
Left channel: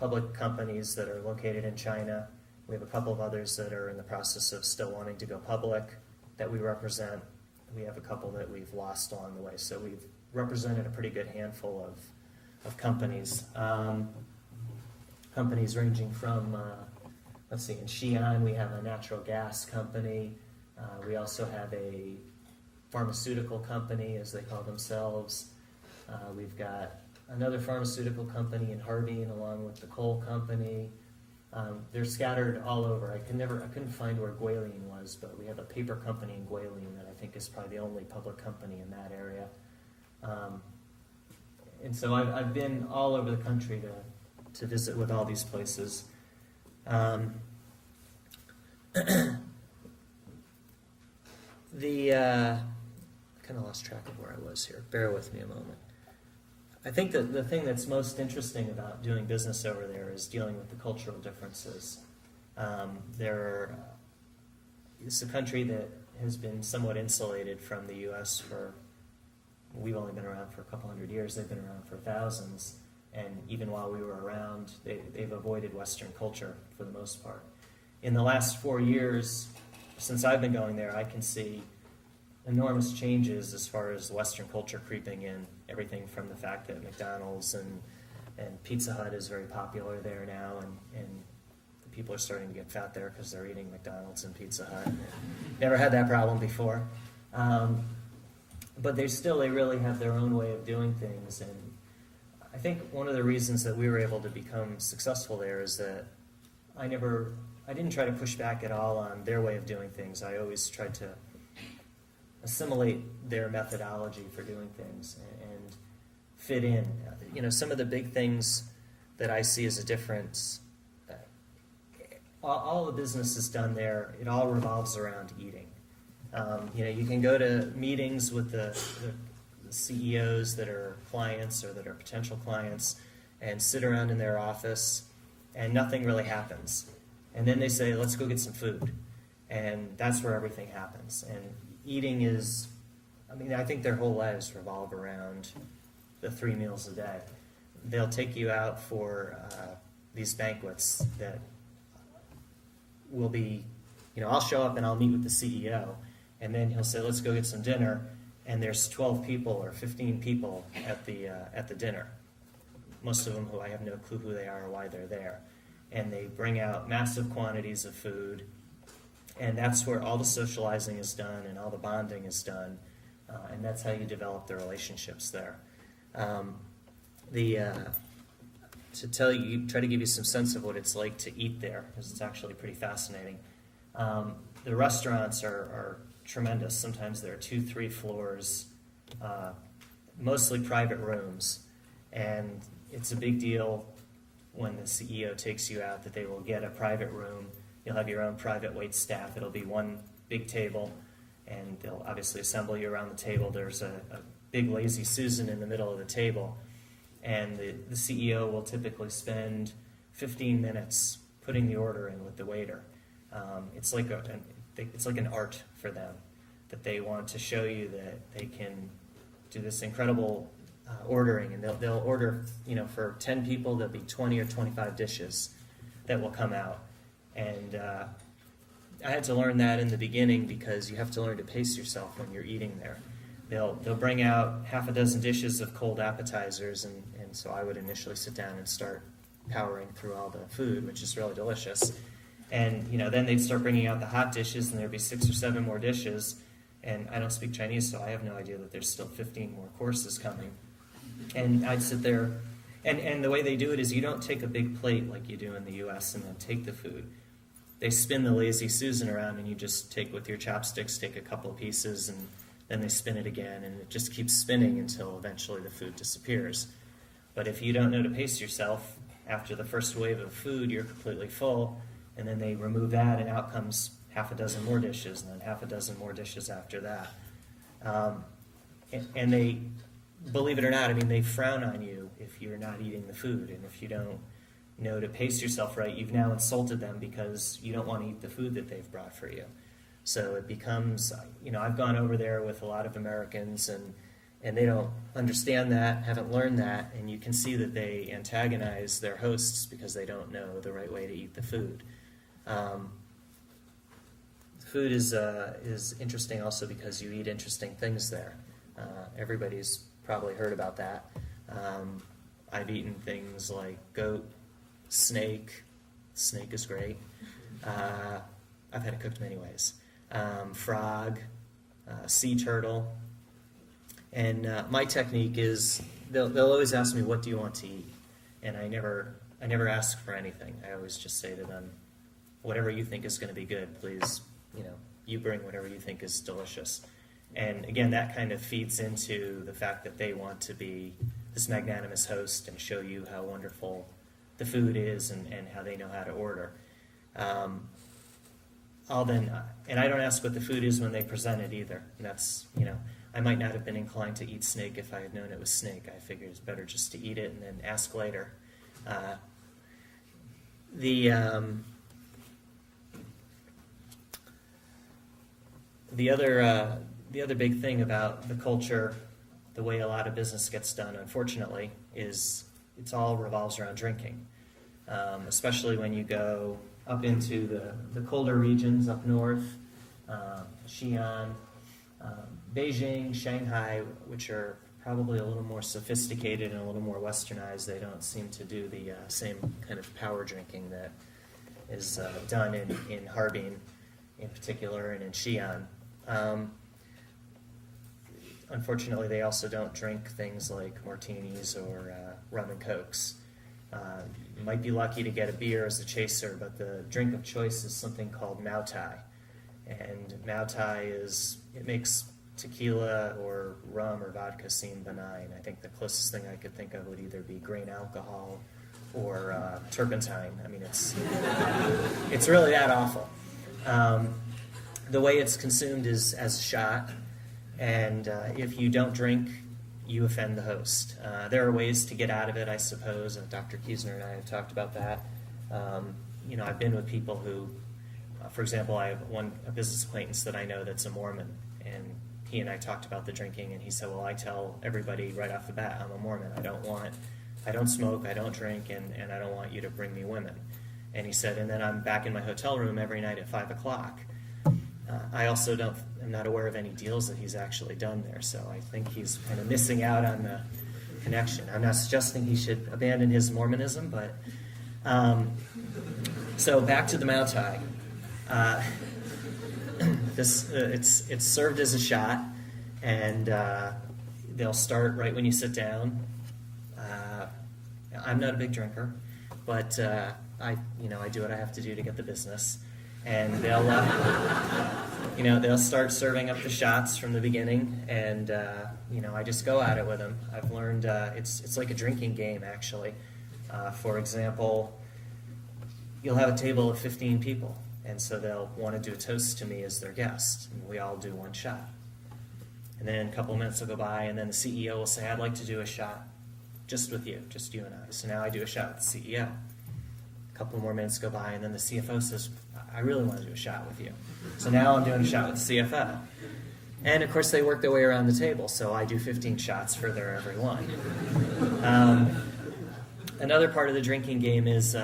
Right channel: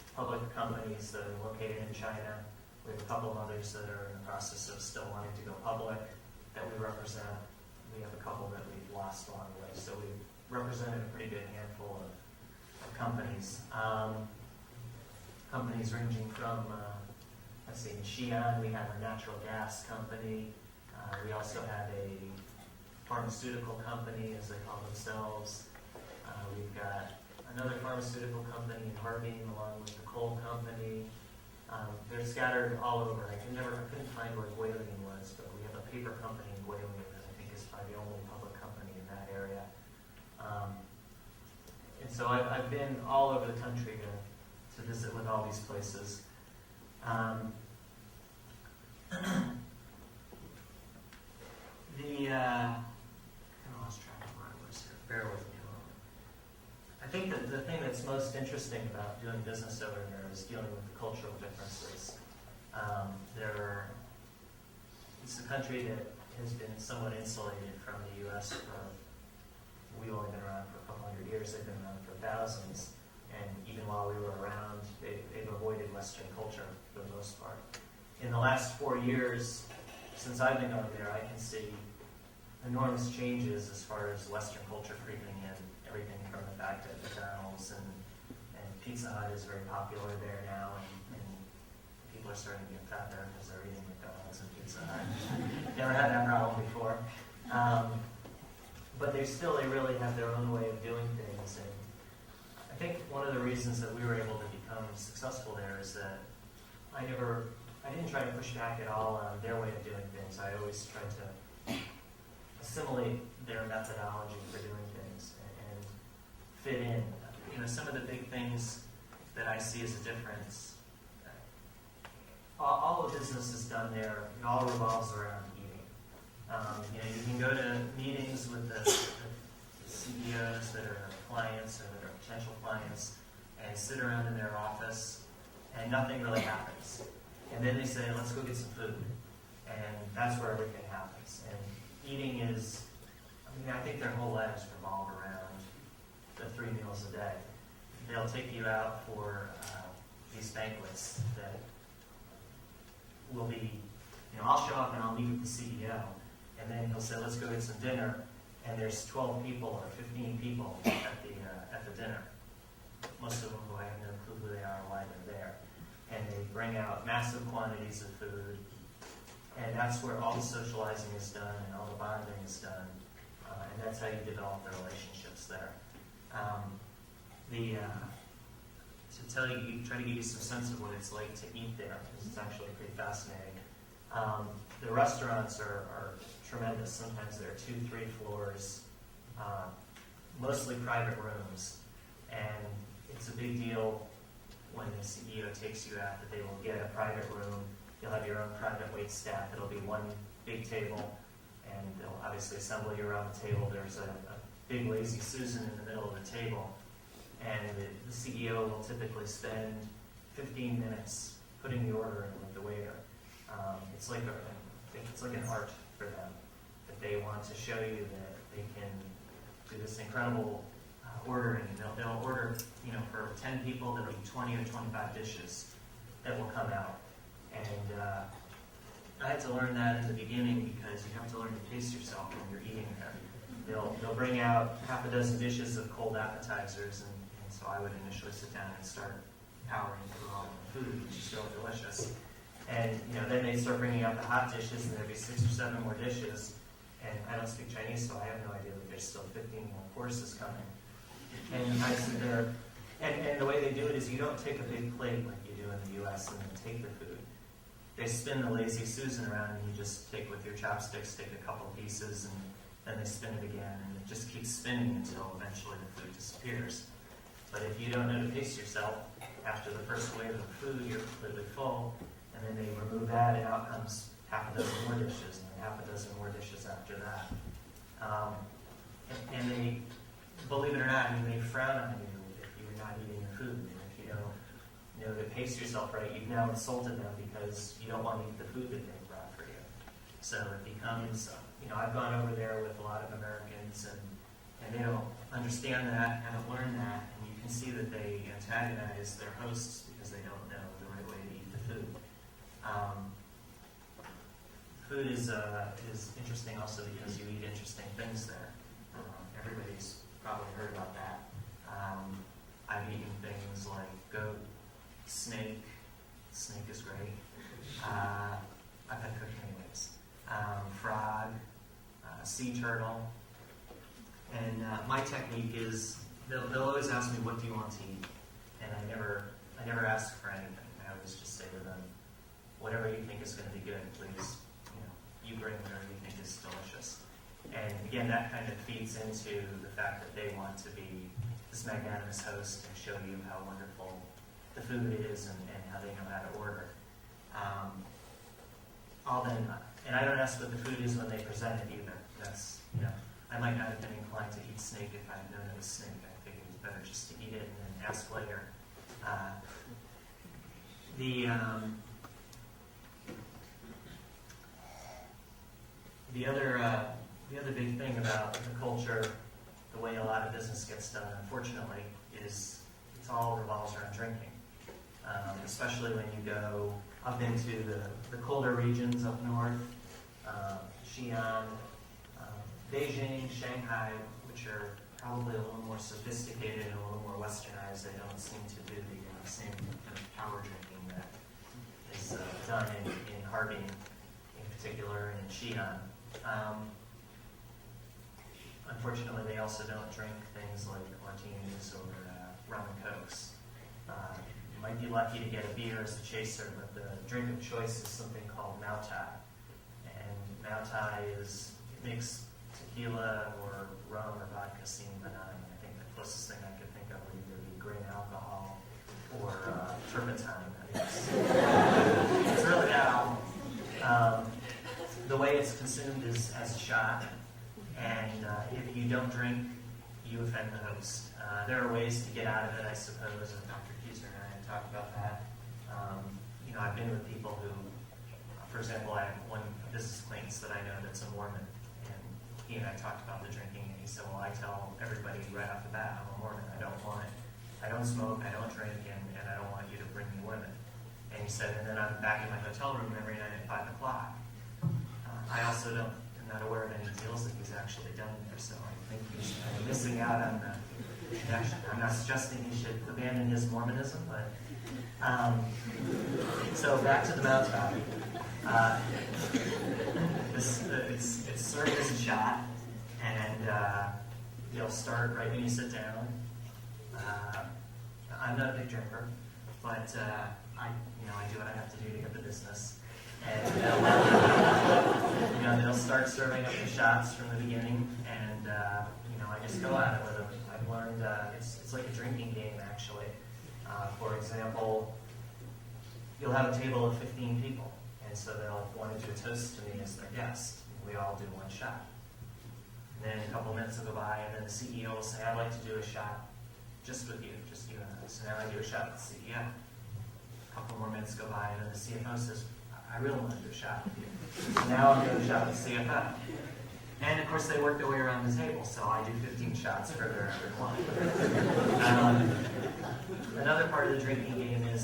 public companies that are located in China. We have a couple of others that are in the process of still wanting to go public that we represent. We have a couple that we've lost along the way. So we've represented a pretty good handful of companies. Companies ranging from, in Xi'an, we have a natural gas company. We also have a pharmaceutical company, as they call themselves. We've got another pharmaceutical company in Harbin, along with the coal company. They're scattered all over. I couldn't find where Guilin was, but we have a paper company in Guilin that I think is probably the only public company in that area. And so I've been all over the country to visit with all these places. Kind of lost track of where I was here. bear with me a moment. I think that the thing that's most interesting about doing business over there is dealing with the cultural differences. It's a country that has been somewhat insulated from the U.S. we've only been around for a couple hundred years, they've been around for thousands, and even while we were around, they've avoided Western culture for the most part. In the last 4 years, since I've been going there, I can see enormous changes as far as Western culture creeping in. Everything from the fact that McDonald's and Pizza Hut is very popular there now, and people are starting to get fat there because they're eating McDonald's and Pizza Hut. Never had that problem before. But they really have their own way of doing things. And I think one of the reasons that we were able to become successful there is that I didn't try to push back at all on their way of doing things. I always tried to assimilate their methodology for doing things and fit in. You know, some of the big things that I see as a difference, all the business is done there, it all revolves around eating. You can go to meetings with the CEOs that are clients or that are potential clients and sit around in their office and nothing really happens. And then they say, let's go get some food. And that's where everything happens. And eating is, I think their whole lives revolve around the 3 meals a day. They'll take you out for these banquets that will be, I'll show up and I'll meet with the CEO, and then he'll say, let's go get some dinner, and there's 12 people or 15 people at the dinner. Most of them who I have no clue who they are or why they're there. And they bring out massive quantities of food, and that's where all the socializing is done and all the bonding is done, and that's how you develop the relationships there. Try to give you some sense of what it's like to eat there, because it's actually pretty fascinating. The restaurants are tremendous. Sometimes there are 2-3 floors, mostly private rooms, and it's a big deal when the CEO takes you out that they will get a private room. You'll have your own private wait staff. It'll be one big table, and they'll obviously assemble you around the table. There's a big lazy Susan in the middle of the table, and the CEO will typically spend 15 minutes putting the order in with the waiter. It's like an art for them, that they want to show you that they can do this incredible ordering. They'll order, for 10 people, there'll be 20 or 25 dishes that will come out. And I had to learn that in the beginning, because you have to learn to pace yourself when you're eating there. They'll bring out half a dozen dishes of cold appetizers, and so I would initially sit down and start powering through all the food, which is really delicious. And then they'd start bringing out the hot dishes, and there'd be 6 or 7 more dishes. And I don't speak Chinese, so I have no idea that there's still 15 more courses coming. And I'd sit there, and the way they do it is you don't take a big plate like you do in the U.S. and take the food. They spin the lazy Susan around, and you just take with your chopsticks, take a couple of pieces, and then they spin it again, and it just keeps spinning until eventually the food disappears. But if you don't know to pace yourself, after the first wave of food, you're completely full, and then they remove that, and out comes half a dozen more dishes, and then half a dozen more dishes after that. And they, believe it or not, they frown on you if you're not eating the food, and if you don't know to pace yourself right, you've now insulted them because you don't want to eat the food that they've brought for you. So it becomes, I've gone over there with a lot of Americans, and they don't understand that, haven't learned that, and you can see that they antagonize their hosts because they don't know the right way to eat the food. Food is interesting also because you eat interesting things there. Everybody's probably heard about that. I've eaten things like goat, snake. Snake is great. I've had it cooked many ways. Frog, sea turtle. And my technique is they'll always ask me, what do you want to eat? And I never ask for anything. I always just say to them, whatever you think is going to be good, please, you bring whatever you think is delicious. And again, that kind of feeds into the fact that they want to be this magnanimous host and show you how wonderful the food is and how they know how to order. all been done. And I don't ask what the food is when they present it either. And that's, I might not have been inclined to eat snake if I had known it was snake. I figured it's better just to eat it and then ask later. The other big thing about the culture, the way a lot of business gets done, unfortunately, is it's all revolves around drinking. Especially when you go up into the colder regions up north, Xi'an, Beijing, Shanghai, which are probably a little more sophisticated and a little more westernized. They don't seem to do the same kind of power drinking that is done in Harbin in particular and in Xi'an. Unfortunately, they also don't drink things like martinis or rum and cokes. You might be lucky to get a beer as a chaser, but the drink of choice is something called Mao Tai. And Mao Tai it makes tequila or rum or vodka seem benign. I think the closest thing I could think of would either be grain alcohol or turpentine. I mean, it's really that awful. The way it's consumed is as a shot, and if you don't drink, you offend the host. There are ways to get out of it, I suppose, and Dr. Kiesner and I have talked about that. I've been with people who, for example, I have one business acquaintance that I know that's a Mormon, and he and I talked about the drinking, and he said, well, I tell everybody right off the bat, I'm a Mormon, I don't smoke, I don't drink, and I don't want you to bring me women. And he said, and then I'm back in my hotel room every night at 5 o'clock. I also am not aware of any deals that he's actually done there, so I think he's missing out on the connection. I'm not suggesting he should abandon his Mormonism, but so back to the Mao Tai. It's served as a shot, and they'll start right when you sit down. I'm not a big drinker, but I do what I have to do to get the business. And they'll start serving up the shots from the beginning, and I just go at it with them. I've learned it's like a drinking game, actually. For example, you'll have a table of 15 people, and so they'll want to do a toast to me as their guest. We all do one shot. And then a couple of minutes will go by, and then the CEO will say, I'd like to do a shot just with you, just you and I. So now I do a shot with the CEO. A couple more minutes go by, and then the CFO says, I really want to do a shot with you. So now I'm doing a shot with CFO. And of course they work their way around the table, so I do 15 shots for their every one. Another part of the drinking game is,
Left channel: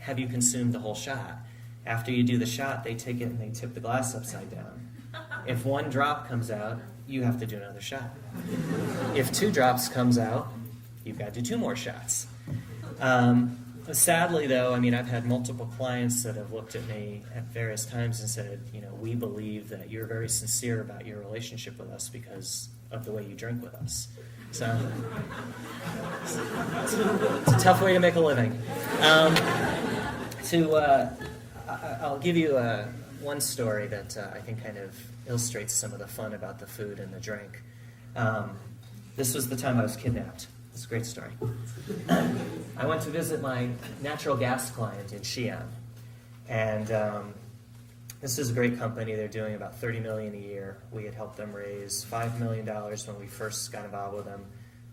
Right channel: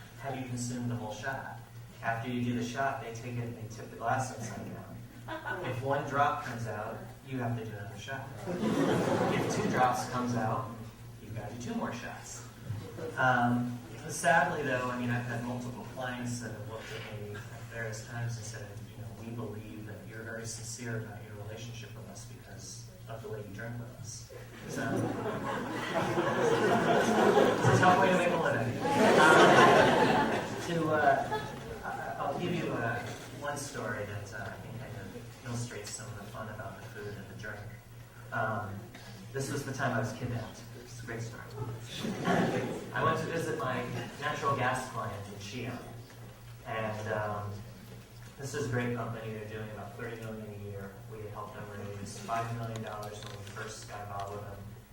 have you consumed the whole shot? After you do the shot, they take it and tip the glass upside down. If one drop comes out, you have to do another shot. If 2 drops comes out, you've got to do 2 more shots. Sadly, though, I've had multiple clients that have looked at me at various times and said, we believe that you're very sincere about your relationship with us because of the way you drink with us. So, it's a tough way to make a living. I'll give you one story that I think kind of illustrates some of the fun about the food and the drink. This was the time I was kidnapped. It's a great story. I went to visit my natural gas client in Xi'an, and this is a great company. They're doing about $30 million a year. We had helped them raise $5 million when we first got involved with them.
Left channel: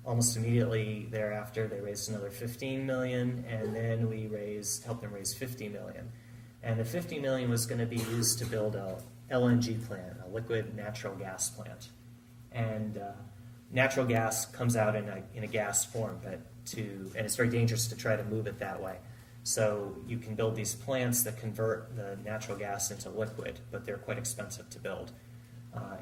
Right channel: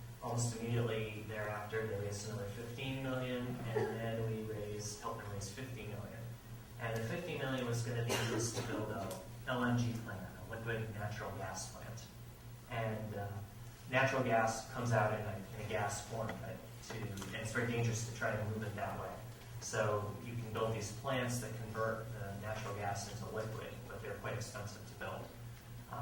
Almost immediately thereafter, they raised another $15 million, and then we helped them raise $50 million. And the $50 million was going to be used to build a LNG plant, a liquid natural gas plant. And natural gas comes out in a gas form, and it's very dangerous to try to move it that way. So you can build these plants that convert the natural gas into liquid, but they're quite expensive to build.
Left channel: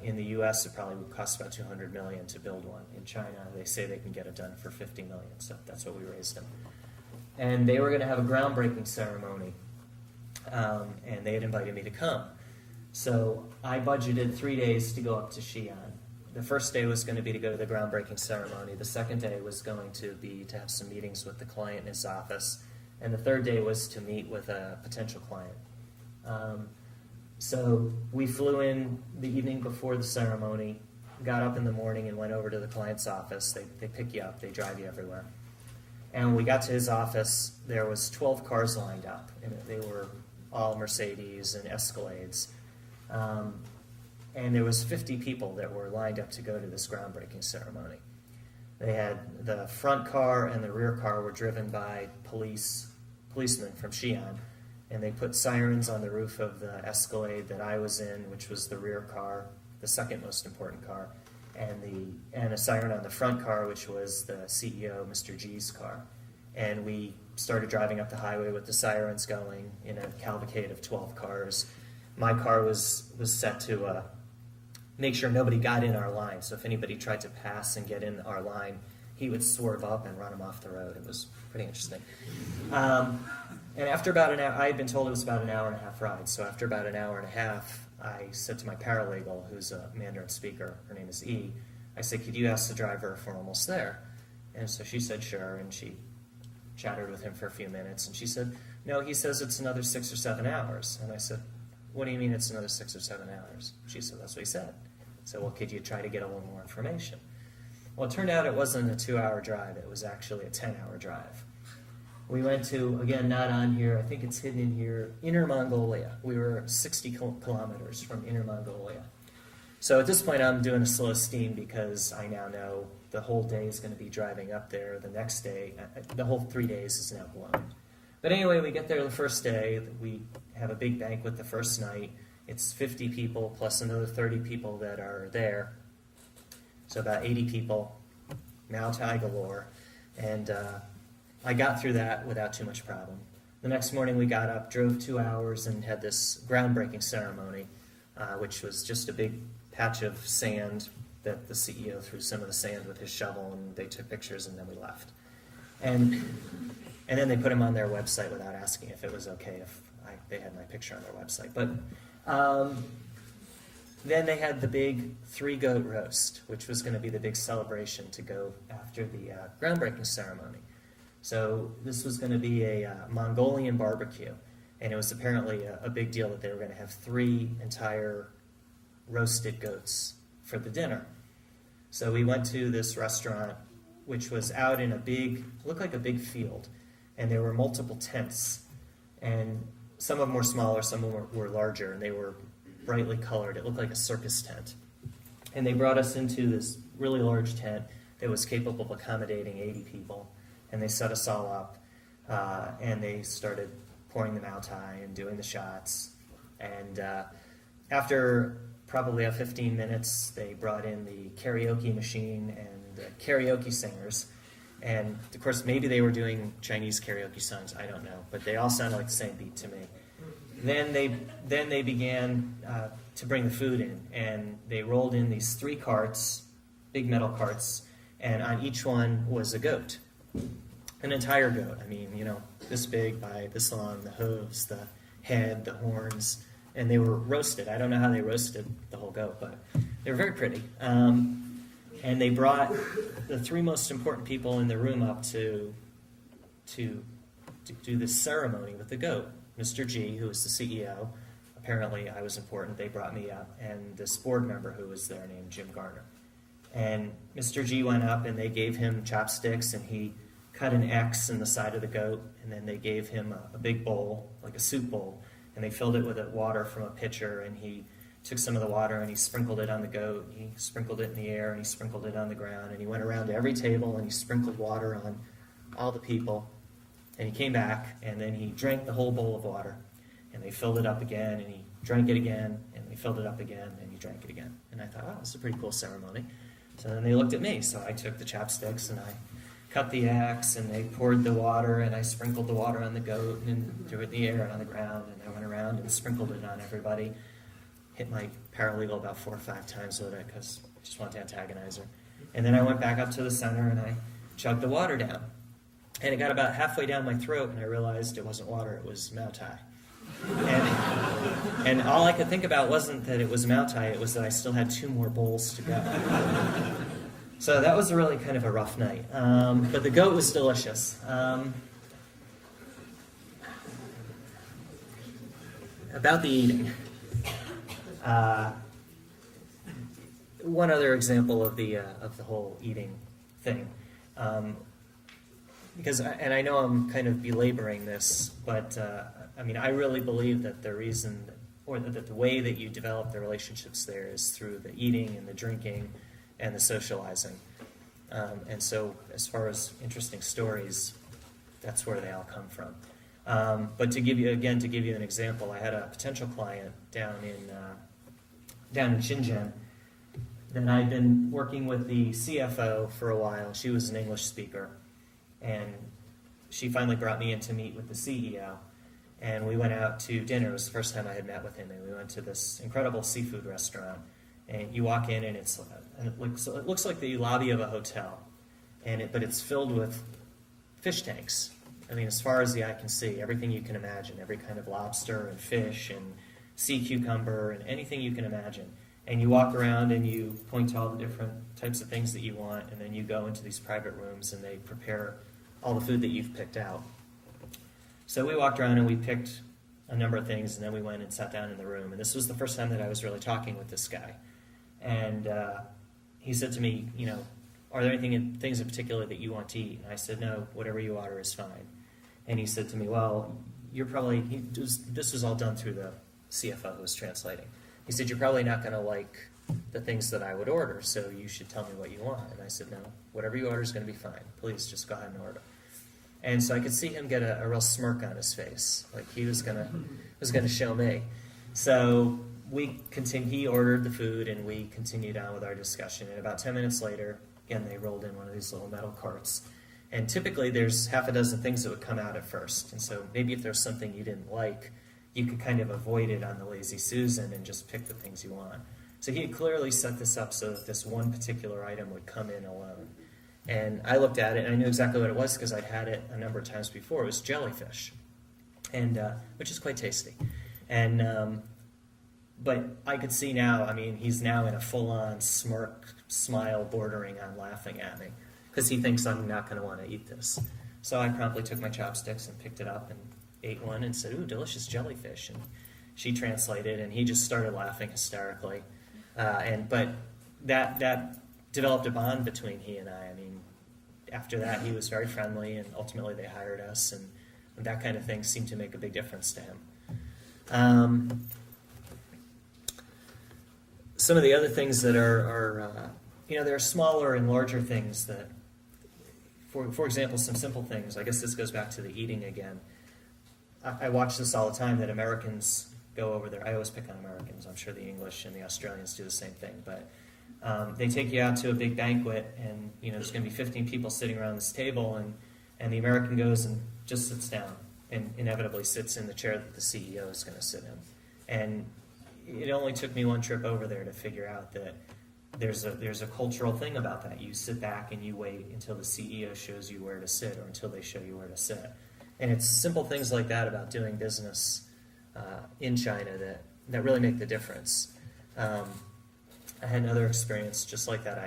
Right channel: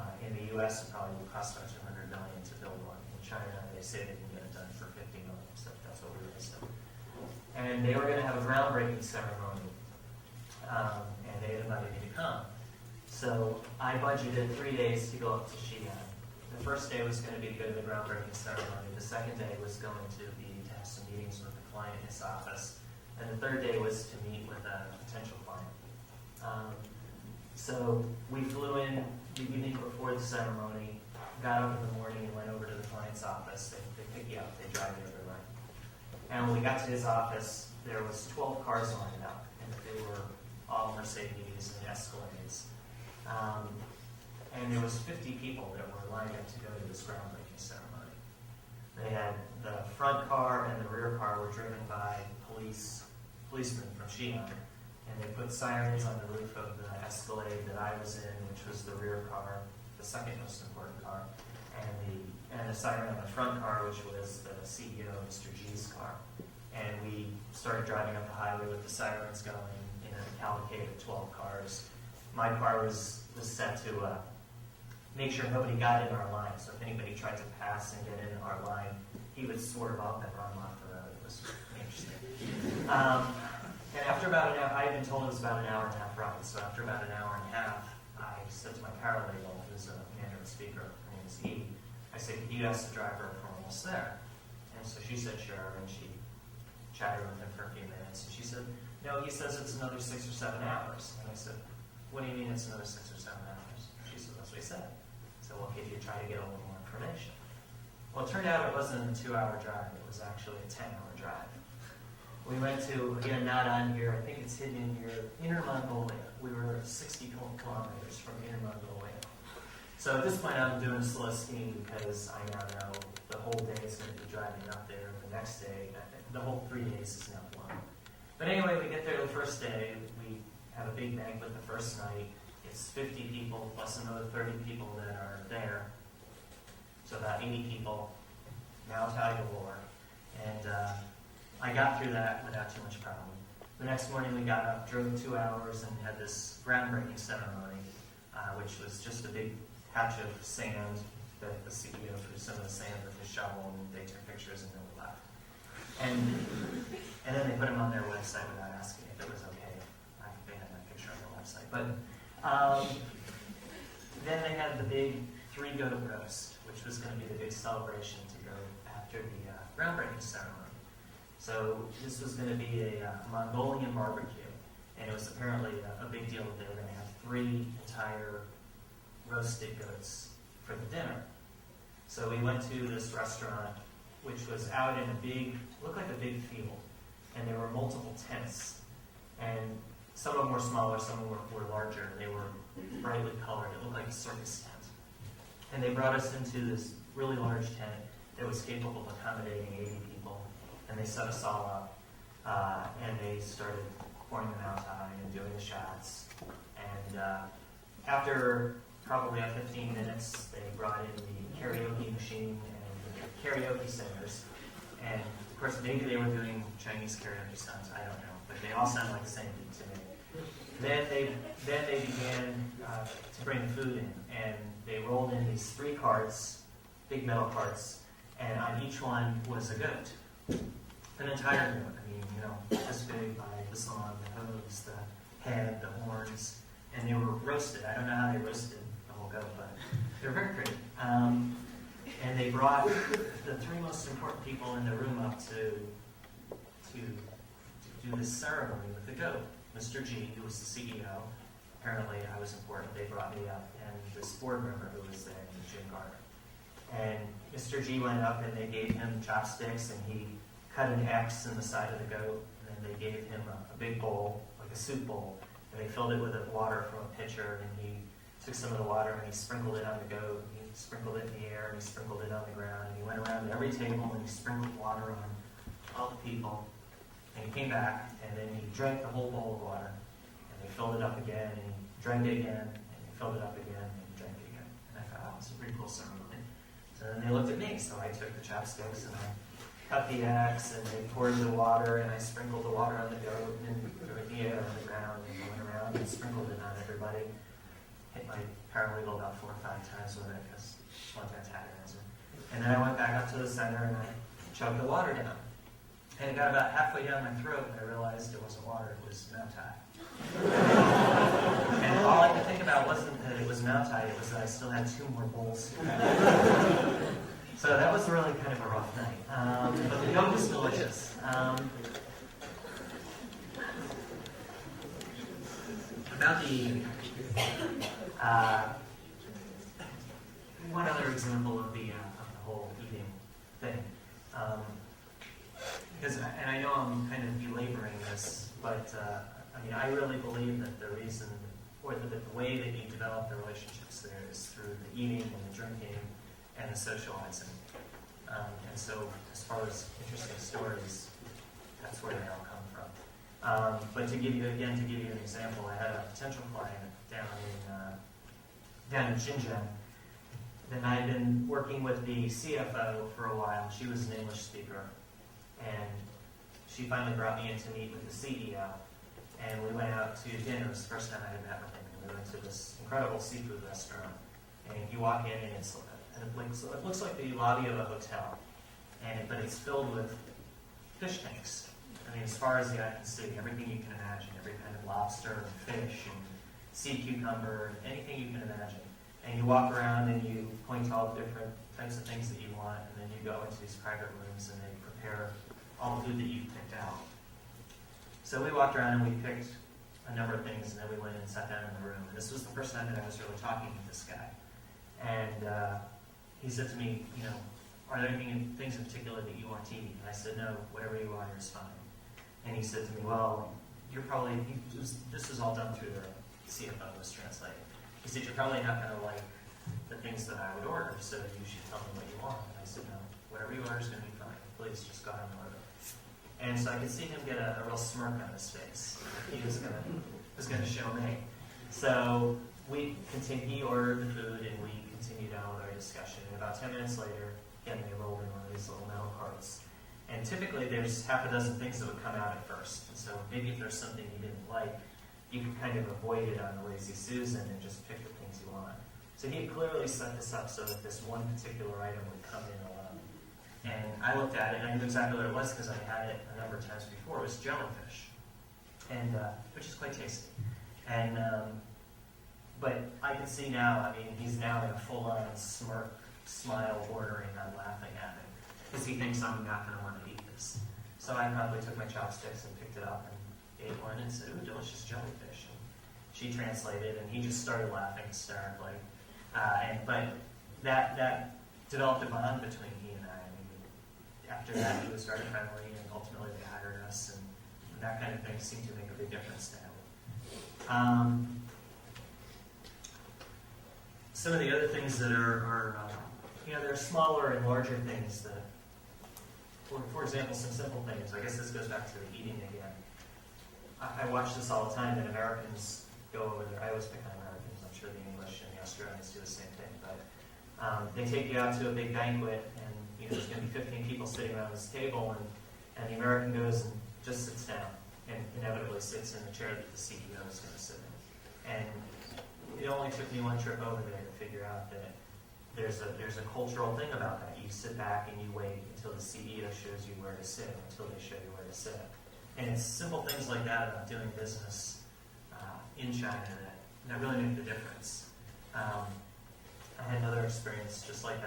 In the U.S., it probably would cost about $200 million to build one. In China, they say they can get it done for $50 million, so that's what we raised them. And they were going to have a groundbreaking ceremony, and they had invited me to come. So I budgeted 3 days to go up to Xi'an. The first day was going to be to go to the groundbreaking ceremony. The second day was going to be to have some meetings with the client in his office. And the third day was to meet with a potential client. So we flew in the evening before the ceremony, got up in the morning and went over to the client's office. They pick you up, they drive you everywhere. And when we got to his office, there was 12 cars lined up. And they were all Mercedes and Escalades. And there was 50 people that were lined up to go to this groundbreaking ceremony. They had the front car and the rear car were driven by policemen from Xi'an, and they put sirens on the roof of the Escalade that I was in, which was the rear car, the second most important car, and a siren on the front car, which was the CEO, Mr. G's car. And we started driving up the highway with the sirens going in a cavalcade of 12 cars. My car was set to make sure nobody got in our line, so if anybody tried to pass and get in our line, he would swerve up and run them off the road. It was pretty interesting. And after about an hour, I had been told it was about an hour and a half ride, so after about an hour and a half, I said to my paralegal, who's a Mandarin speaker, her name is E, I said, could you ask the driver if we're almost there? And so she said, sure, and she chatted with him for a few minutes, and she said, no, he says it's another 6 or 7 hours. And I said, what do you mean it's another 6 or 7 hours? She said, that's what he said. I said, well, could you try to get a little more information? Well, it turned out it wasn't a 2-hour drive, it was actually a 10-hour drive. We went to, again, not on here, I think it's hidden here, Inner Mongolia. We were 60 kilometers from Inner Mongolia. So at this point, I'm doing a slow steam because I now know the whole day is going to be driving up there. The next day, the whole 3 days is now blown. But anyway, we get there the first day. We have a big banquet the first night. It's 50 people plus another 30 people that are there. So about 80 people, now Thai galore. And I got through that without too much problem. The next morning we got up, drove 2 hours, and had this groundbreaking ceremony, which was just a big patch of sand that the CEO threw some of the sand with his shovel, and they took pictures and then we left. And then they put them on their website without asking if it was okay if they had my picture on their website. But then they had the big 3-goat roast, which was going to be the big celebration to go after the groundbreaking ceremony. So this was going to be a Mongolian barbecue, and it was apparently a big deal that they were going to have 3 entire roasted goats for the dinner. So we went to this restaurant, which was out in a big, looked like a big field, and there were multiple tents, and some of them were smaller, some of them were larger, and they were brightly colored. It looked like a circus tent. And they brought us into this really large tent that was capable of accommodating 80 people. And they set us all up, and they started pouring the Mai Tai and doing the shots. And after probably 15 minutes, they brought in the karaoke machine and the karaoke singers. And of course, maybe they were doing Chinese karaoke songs, I don't know, but they all sounded the same to me. Then they began to bring food in, and they rolled in these 3 carts, big metal carts, and on each one was a goat. An entire goat, I mean, this big by this long, the hooves, the head, the horns, and they were roasted. I don't know how they roasted the whole goat, but they were very pretty. And they brought the 3 most important people in the room up to do this ceremony with the goat. Mr. G, who was the CEO, apparently I was important, they brought me up, and this board member who was there named Jim Garner. And Mr. G went up and they gave him chopsticks, and he cut an X in the side of the goat, and then they gave him a big bowl, like a soup bowl, and they filled it with water from a pitcher, and he took some of the water and he sprinkled it on the goat, he sprinkled it in the air, and he sprinkled it on the ground, and he went around to every table and he sprinkled water on all the people, and he came back, and then he drank the whole bowl of water, and they filled it up again, and he drank it again, and they filled it up again, and he drank it again. And I thought, wow, that's a pretty cool ceremony. So then they looked at me, so I took the chopsticks and I cut the axe, and they poured the water, and I sprinkled the water on the goat, and threw it in the air, and went around and sprinkled it on everybody. Hit my paralegal about 4 or 5 times with it, because I just wanted to antagonize her. And then I went back up to the center, and I chugged the water down. And it got about halfway down my throat, and I realized it wasn't water, it was Mai Tai. And all I could think about wasn't that it was Mai Tai, it was that I still had 2 more bowls to go. So that was really kind of a rough night. But the goat was delicious. About the eating. One other example of the whole eating thing. Because, and I know I'm kind of belaboring this, but I mean, I really believe that the reason, or the way that you develop the relationships there is through the eating and the drinking and the socializing. And so, as far as interesting stories, that's where they all come from. But to give you an example, I had a potential client down in Shenzhen, and I'd been working with the CFO for a while. She was an English speaker, and she finally brought me in to meet with the CEO, and we went out to dinner. It was the first time I had met with him, and we went to this incredible seafood restaurant. And you walk in, and it looks like the lobby of a hotel, but it's filled with fish tanks. I mean, as far as the eye can see, everything you can imagine, every kind of lobster and fish and sea cucumber, and anything you can imagine. And you walk around and you point to all the different types of things that you want, and then you go into these private rooms and they prepare all the food that you've picked out. So we walked around and we picked a number of things, and then we went and sat down in the room. This was the first time that I was really talking with this guy. And he said to me, you know, are there things in particular that you want to eat? And I said, no, whatever you order is fine. And he said to me, well, this was all done through the CFO who was translating. He said, you're probably not going to like the things that I would order, so you should tell me what you want. And I said, no, whatever you order is going to be fine. Please just go ahead and order. And so I could see him get a real smirk on his face, like he was gonna show me. So he ordered the food, and we continued on with our discussion. And about 10 minutes later, again, they rolled in one of these little metal carts. And typically there's half a dozen things that would come out at first. And so maybe if there's something you didn't like, you could kind of avoid it on a lazy Susan and just pick the things you want. So he had clearly set this up so that this one particular item would come in alone. And I looked at it, and I knew exactly what it was because I'd had it a number of times before. It was jellyfish, and which is quite tasty. And but I could see now, I mean, he's now in a full-on smirk, smile bordering on laughing at me because he thinks I'm not going to want to eat this. So I promptly took my chopsticks and picked it up and ate one and said, ooh, delicious jellyfish. And she translated, and he just started laughing hysterically. But that developed a bond between he and I. I mean, after that, he was very friendly, and ultimately they hired us, and that kind of thing seemed to make a big difference to him. Some of the other things that are there are smaller and larger things that, for example, some simple things. I guess this goes back to the eating again. I watch this all the time, that Americans go over there. I always pick on Americans. I'm sure the English and the Australians do the same thing. But they take you out to a big banquet, and there's going to be 15 people sitting around this table, and the American goes and just sits down, and inevitably sits in the chair that the CEO is going to sit in. And it only took me one trip over there to figure out that there's a cultural thing about that. You sit back and you wait until the CEO shows you where to sit, until they show you where to sit. And it's simple things like that about doing business in China that really make the difference. I had another experience just like that.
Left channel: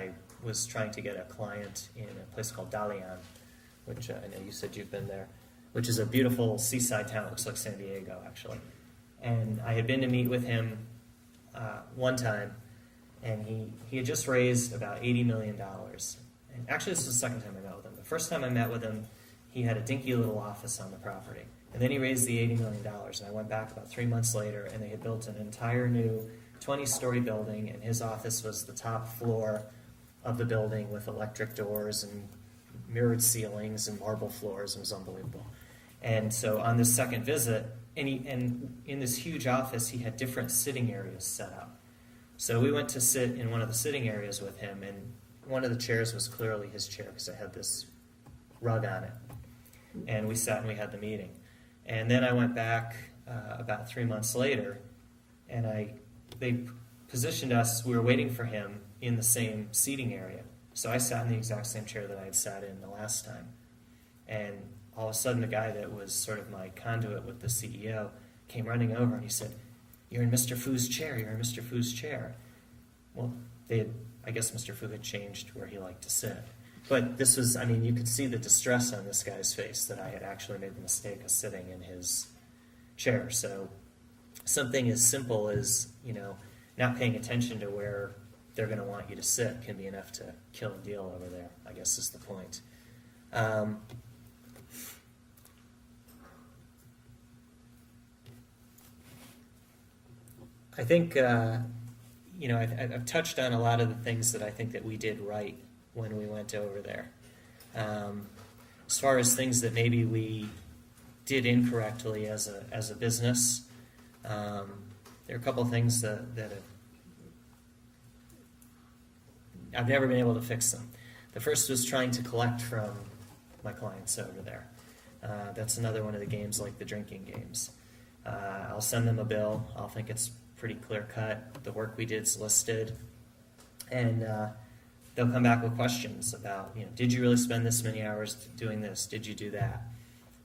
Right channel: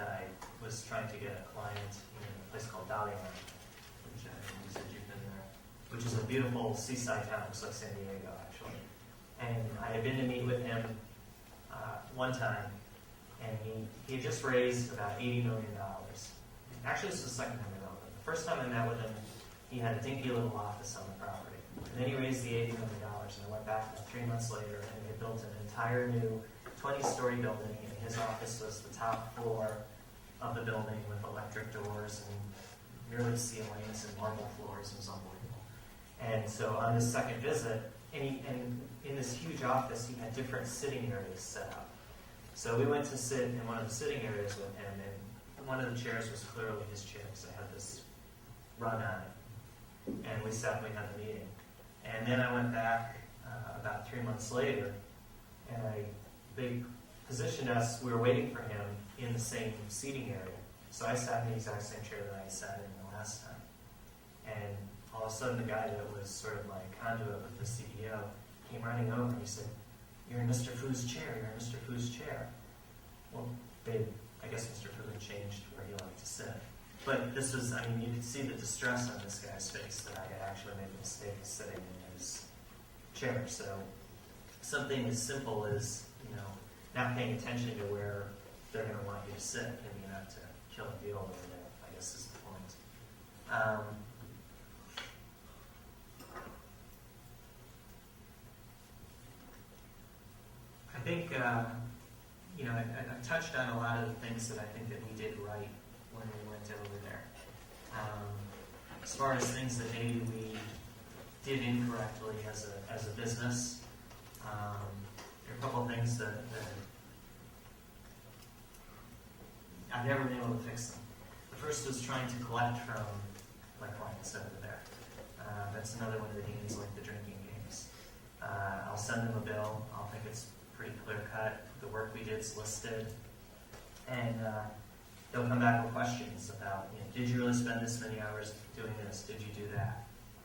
I was trying to get a client in a place called Dalian, which I know you said you've been there, which is a beautiful seaside town. It looks like San Diego, actually. And I had been to meet with him one time, and he had just raised about $80 million. And actually, this is the second time I met with him. The first time I met with him, he had a dinky little office on the property. And then he raised the $80 million. I went back 3 months later, and they had built an entire new 20-story building, and his office was the top floor of the building with electric doors and mirrored ceilings and marble floors. It was unbelievable. And so on this second visit, and in this huge office, he had different sitting areas set up. So we went to sit in one of the sitting areas with him, and one of the chairs was clearly his chair because I had this rug on it. And we sat and we had the meeting. And then I went back about 3 months later, and they positioned us, we were waiting for him in the same seating area. So I sat in the exact same chair that I had sat in the last time. And all of a sudden, the guy that was sort of like conduit with the CEO came running over and he said, "You're in Mr. Fu's chair, you're in Mr. Fu's chair." Well, I guess Mr. Fu had changed where he liked to sit. But this was, you could see the distress on this guy's face that I had actually made a mistake of sitting in his chair. So something as simple as, not paying attention to where they're going to want you to sit can be enough to kill the deal over there, I guess is the point. I think, I've touched on a lot of the things that I think that we did right when we went over there. As far as things that maybe we did incorrectly as a business, there are a couple of things that I've never been able to fix them. The first was trying to collect from my clients over there. That's another one of the games like the drinking games. I'll send them a bill. I'll think it's pretty clear cut. The work we did is listed. And they'll come back with questions about, did you really spend this many hours doing this? Did you do that?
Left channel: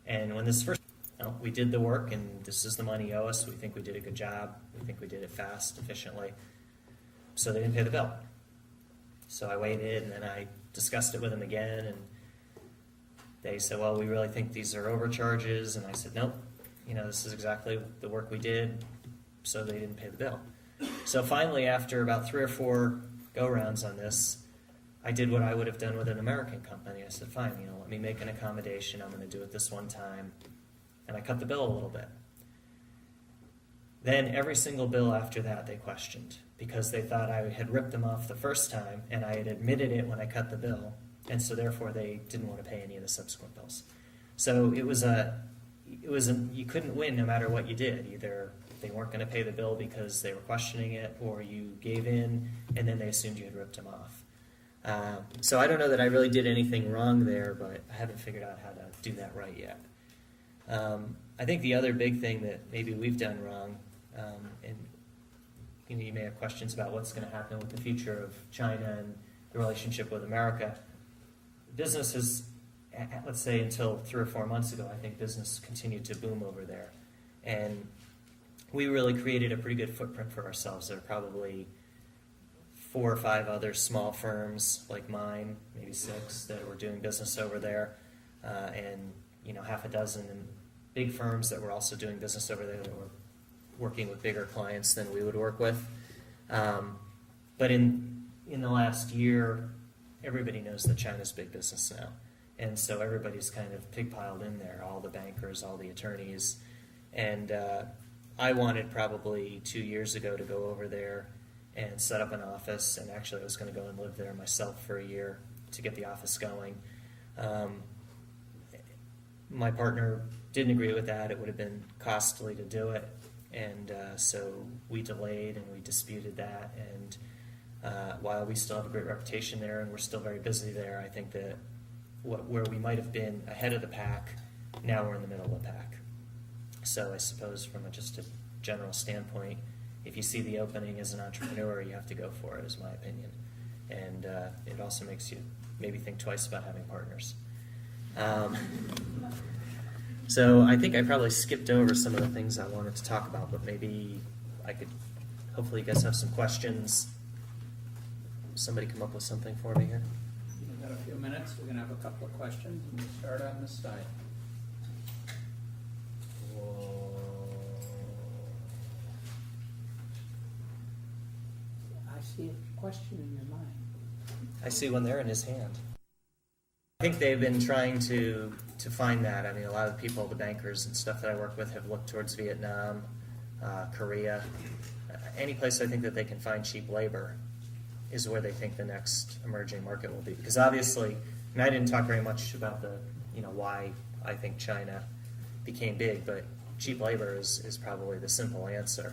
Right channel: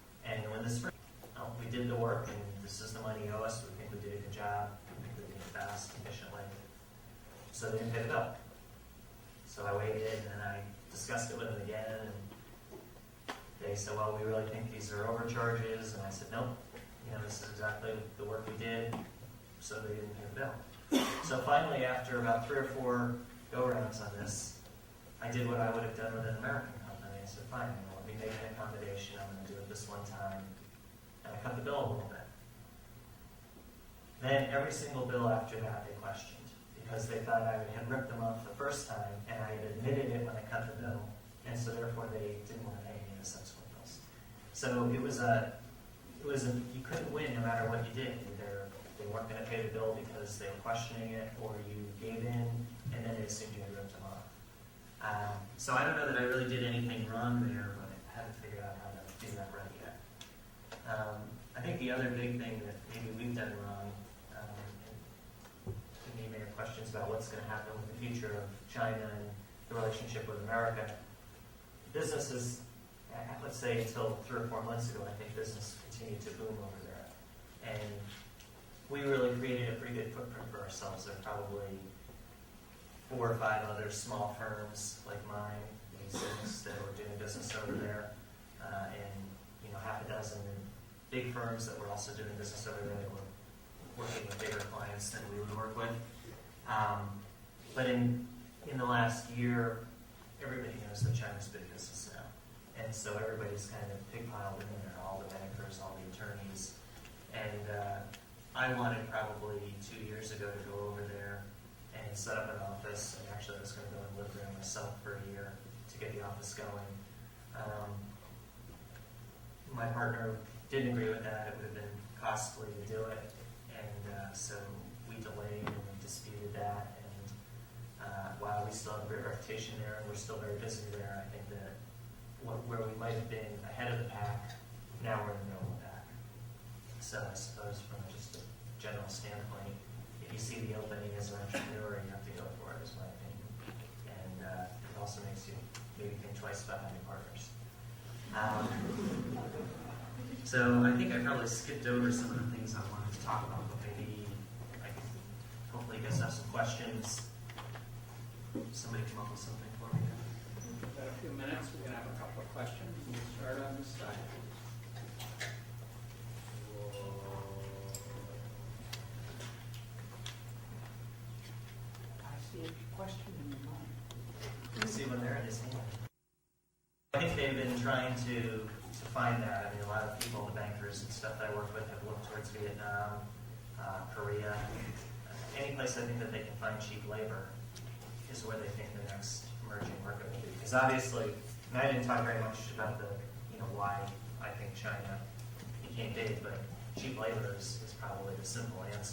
And when this first, we did the work and this is the money you owe us. We think we did a good job. We think we did it fast, efficiently. So they didn't pay the bill. So I waited and I discussed it with them again. And they said, well, we really think these are overcharges. And I said, nope, this is exactly the work we did. So they didn't pay the bill. So finally, after about 3 or 4 go-rounds on this, I did what I would have done with an American company. I said, fine, let me make an accommodation. I'm going to do it this one time. And I cut the bill a little bit. Then every single bill after that they questioned because they thought I had ripped them off the first time and I had admitted it when I cut the bill. And so therefore they didn't want to pay any of the subsequent bills. So it was you couldn't win no matter what you did. Either they weren't going to pay the bill because they were questioning it, or you gave in and then they assumed you had ripped them off. So I don't know that I really did anything wrong there, but I haven't figured out how to do that right yet. I think the other big thing that maybe we've done wrong, and you may have questions about what's going to happen in the future of China and the relationship with America. Business was, let's say until 3 or 4 months ago, I think business continued to boom over there. And we really created a pretty good footprint for ourselves. There are probably 4 or 5 other small firms like mine, maybe 6, that were doing business over there, and half a dozen big firms that were also doing business over there, that were working with bigger clients than we would work with. But in the last year, everybody knows that China's big business now, and so everybody's kind of pig-piled in there, all the bankers, all the attorneys, and I wanted probably 2 years ago to go over there and set up an office, and actually I was going to go and live there myself for a year to get the office going. My partner didn't agree with that. It would have been costly to do it, and so we delayed and we disputed that, and while we still have a great reputation there and we're still very busy there, I think that where we might have been ahead of the pack, now we're in the middle of the pack. So I suppose from just a general standpoint, if you see the opening as an entrepreneur, you have to go for it, is my opinion. And it also makes you maybe think twice about buying partners. So I think I probably skipped over some of the things I wanted to talk about, but maybe I could, hopefully you guys have some questions. Somebody come up with something for me here. Minutes, we're going to have a couple of questions. Start our side. I see one there in his hand. I think they've been trying to find that. I mean, a lot of people, the bankers and stuff that I work with, have looked towards Vietnam, Korea. Any place I think that they can find cheap labor is where they think the next emerging market will be. Because obviously, and I didn't talk very much about why I think China became big, but cheap labor is probably the simple answer.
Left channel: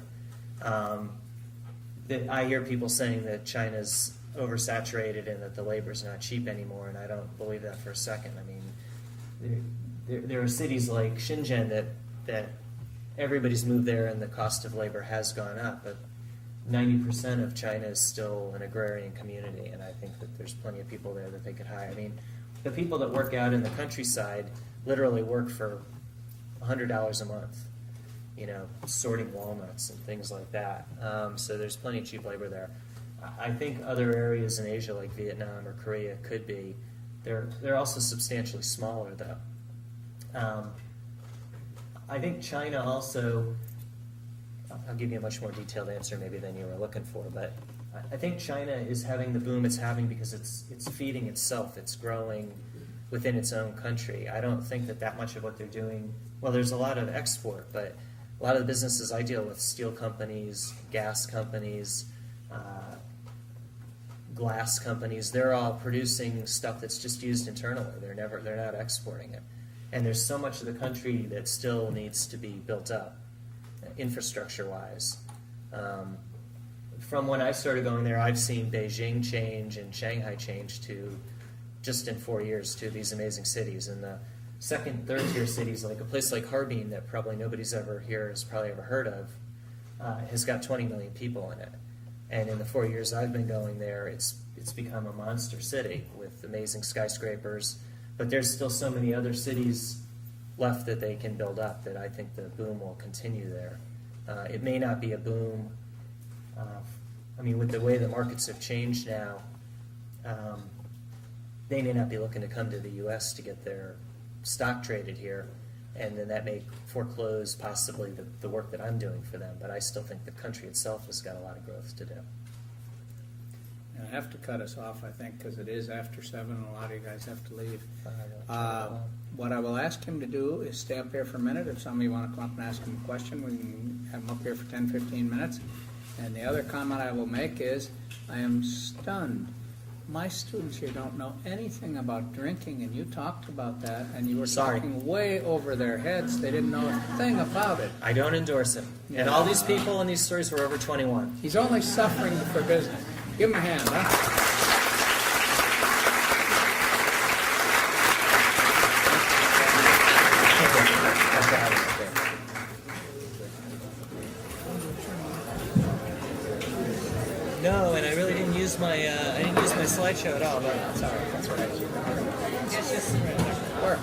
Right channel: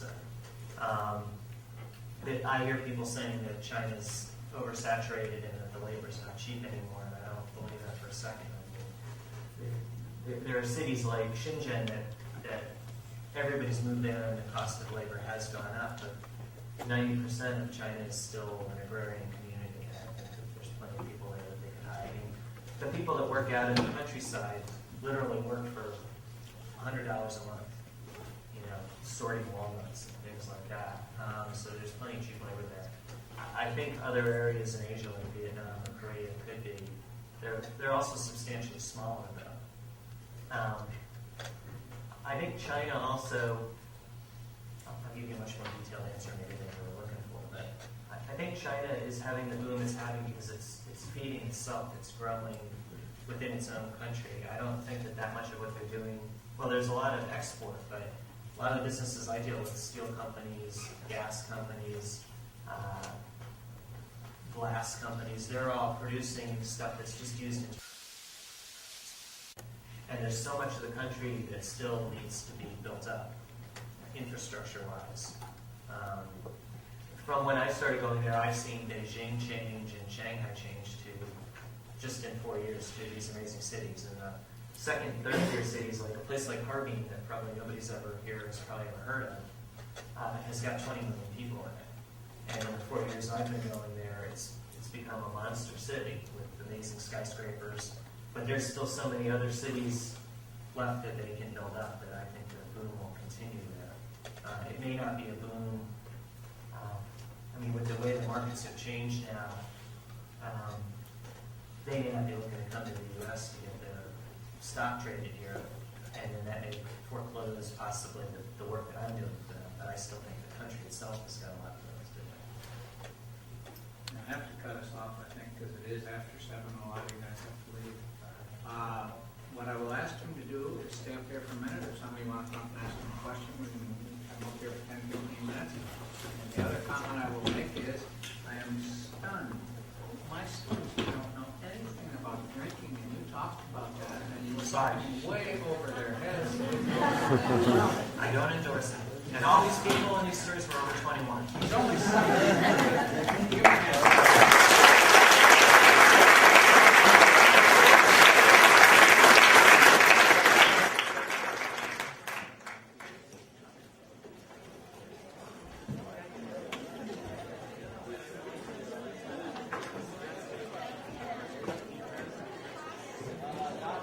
I hear people saying that China's oversaturated and that the labor's not cheap anymore, and I don't believe that for a second. I mean, there are cities like Shenzhen that everybody's moved there and the cost of labor has gone up, but 90% of China is still an agrarian community, and I think that there's plenty of people there that they could hire. I mean, the people that work out in the countryside literally work for $100 a month, sorting walnuts and things like that. So there's plenty of cheap labor there. I think other areas in Asia like Vietnam or Korea could be. They're also substantially smaller though. I think China also, I'll give you a much more detailed answer maybe than you were looking for, but I think China is having the boom it's having because it's feeding itself, it's growing within its own country. I don't think that much of what they're doing, well, there's a lot of export, but a lot of the businesses I deal with, steel companies, gas companies, glass companies, they're all producing stuff that's just used internally. They're not exporting it. And there's so much of the country that still needs to be built up, infrastructure-wise. From when I started going there, I've seen Beijing change and Shanghai change to, just in 4 years, to these amazing cities. And the second and third tier cities, like a place like Harbin that probably nobody's ever here has probably ever heard of, has got 20 million people in it. And in the 4 years I've been going there, it's become a monster city with amazing skyscrapers. But there's still so many other cities left that they can build up that I think the boom will continue there. It may not be a boom. I mean, with the way the markets have changed now, they may not be looking to come to the U.S. to get their stock traded here, and then that may foreclose possibly the work that I'm doing for them. But I still think the country itself has got a lot of growth to do. I have to cut us off, I think, because it is after 7 and a lot of you guys have to leave. What I will ask him to do is stay up here for a minute. If somebody wants to come up and ask him a question, we can have him up here for 10, 15 minutes. And the other comment I will make is, I am stunned. My students here don't know anything about drinking, and you talked about that, and you were talking way over their heads. They didn't know a thing about it. I don't endorse it. And all these people in these stories were over 21. He's only suffering for business. Give him a hand. Huh? No, and I really didn't use my slideshow at all. But that's all right. That's all right. It's just work.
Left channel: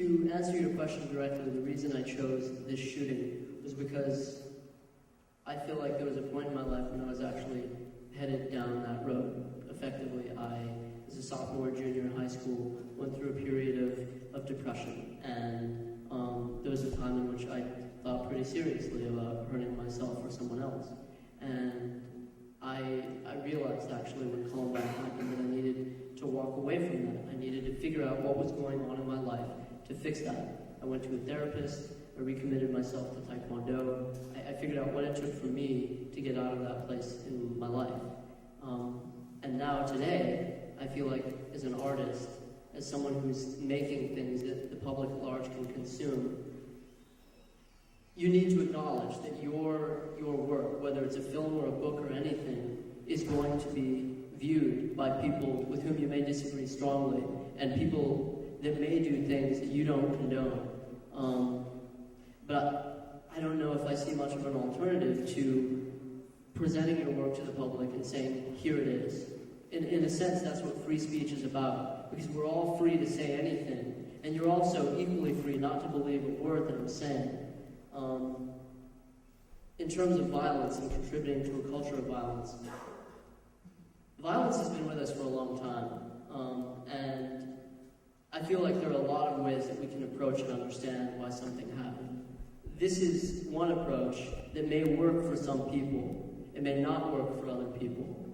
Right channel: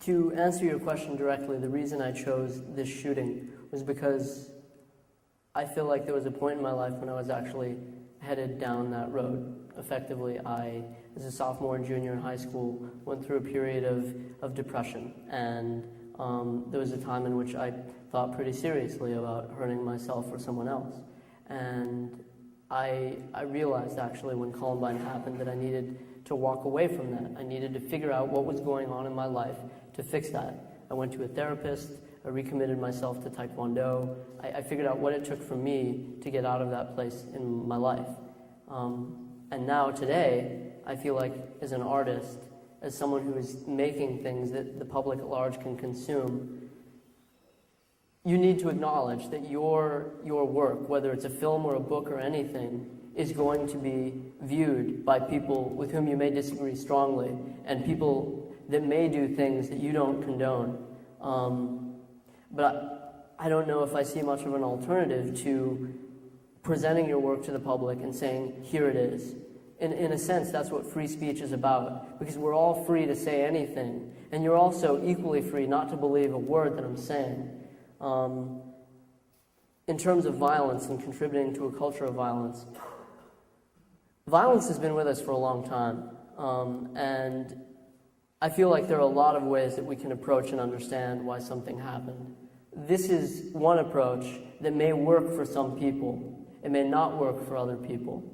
To answer your question directly, the reason I chose this shooting was because I feel like there was a point in my life when I was actually headed down that road. Effectively, I, as a sophomore and junior in high school, went through a period of depression, and there was a time in which I thought pretty seriously about hurting myself or someone else. And I realized actually when Columbine happened that I needed to walk away from that. I needed to figure out what was going on in my life to fix that. I went to a therapist, I recommitted myself to Taekwondo. I figured out what it took for me to get out of that place in my life. And now today, I feel like as an artist, as someone who is making things that the public at large can consume, you need to acknowledge that your work, whether it's a film or a book or anything, is going to be viewed by people with whom you may disagree strongly, and people that may do things that you don't condone. But I don't know if I see much of an alternative to presenting your work to the public and saying, here it is. In a sense, that's what free speech is about, because we're all free to say anything, and you're also equally free not to believe a word that I'm saying. In terms of violence and contributing to a culture of violence, violence has been with us for a long time, and I feel like there are a lot of ways that we can approach and understand why something happened. This is one approach that may work for some people. It may not work for other people.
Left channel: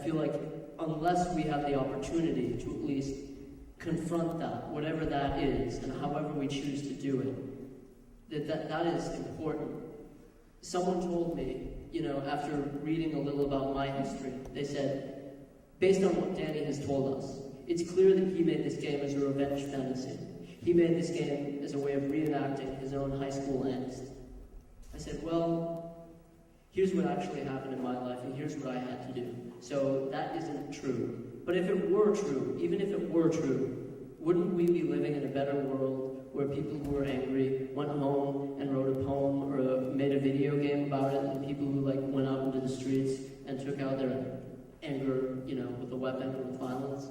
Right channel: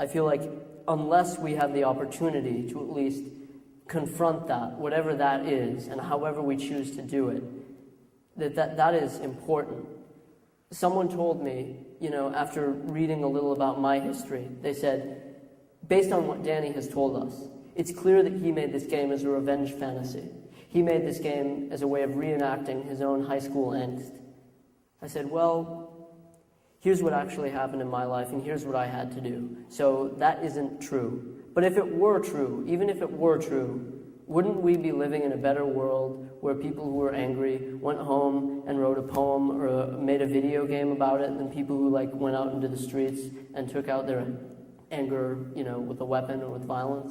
I feel like unless we have the opportunity to at least confront that, whatever that is, and however we choose to do it, that is important. Someone told me, after reading a little about my history, they said, based on what Danny has told us, it's clear that he made this game as a revenge fantasy. He made this game as a way of reenacting his own high school angst. I said, well, here's what actually happened in my life, and here's what I had to do. So that isn't true. But if it were true, even if it were true, wouldn't we be living in a better world where people who were angry went home and wrote a poem or made a video game about it than people who went out into the streets and took out their anger, with a weapon or with violence?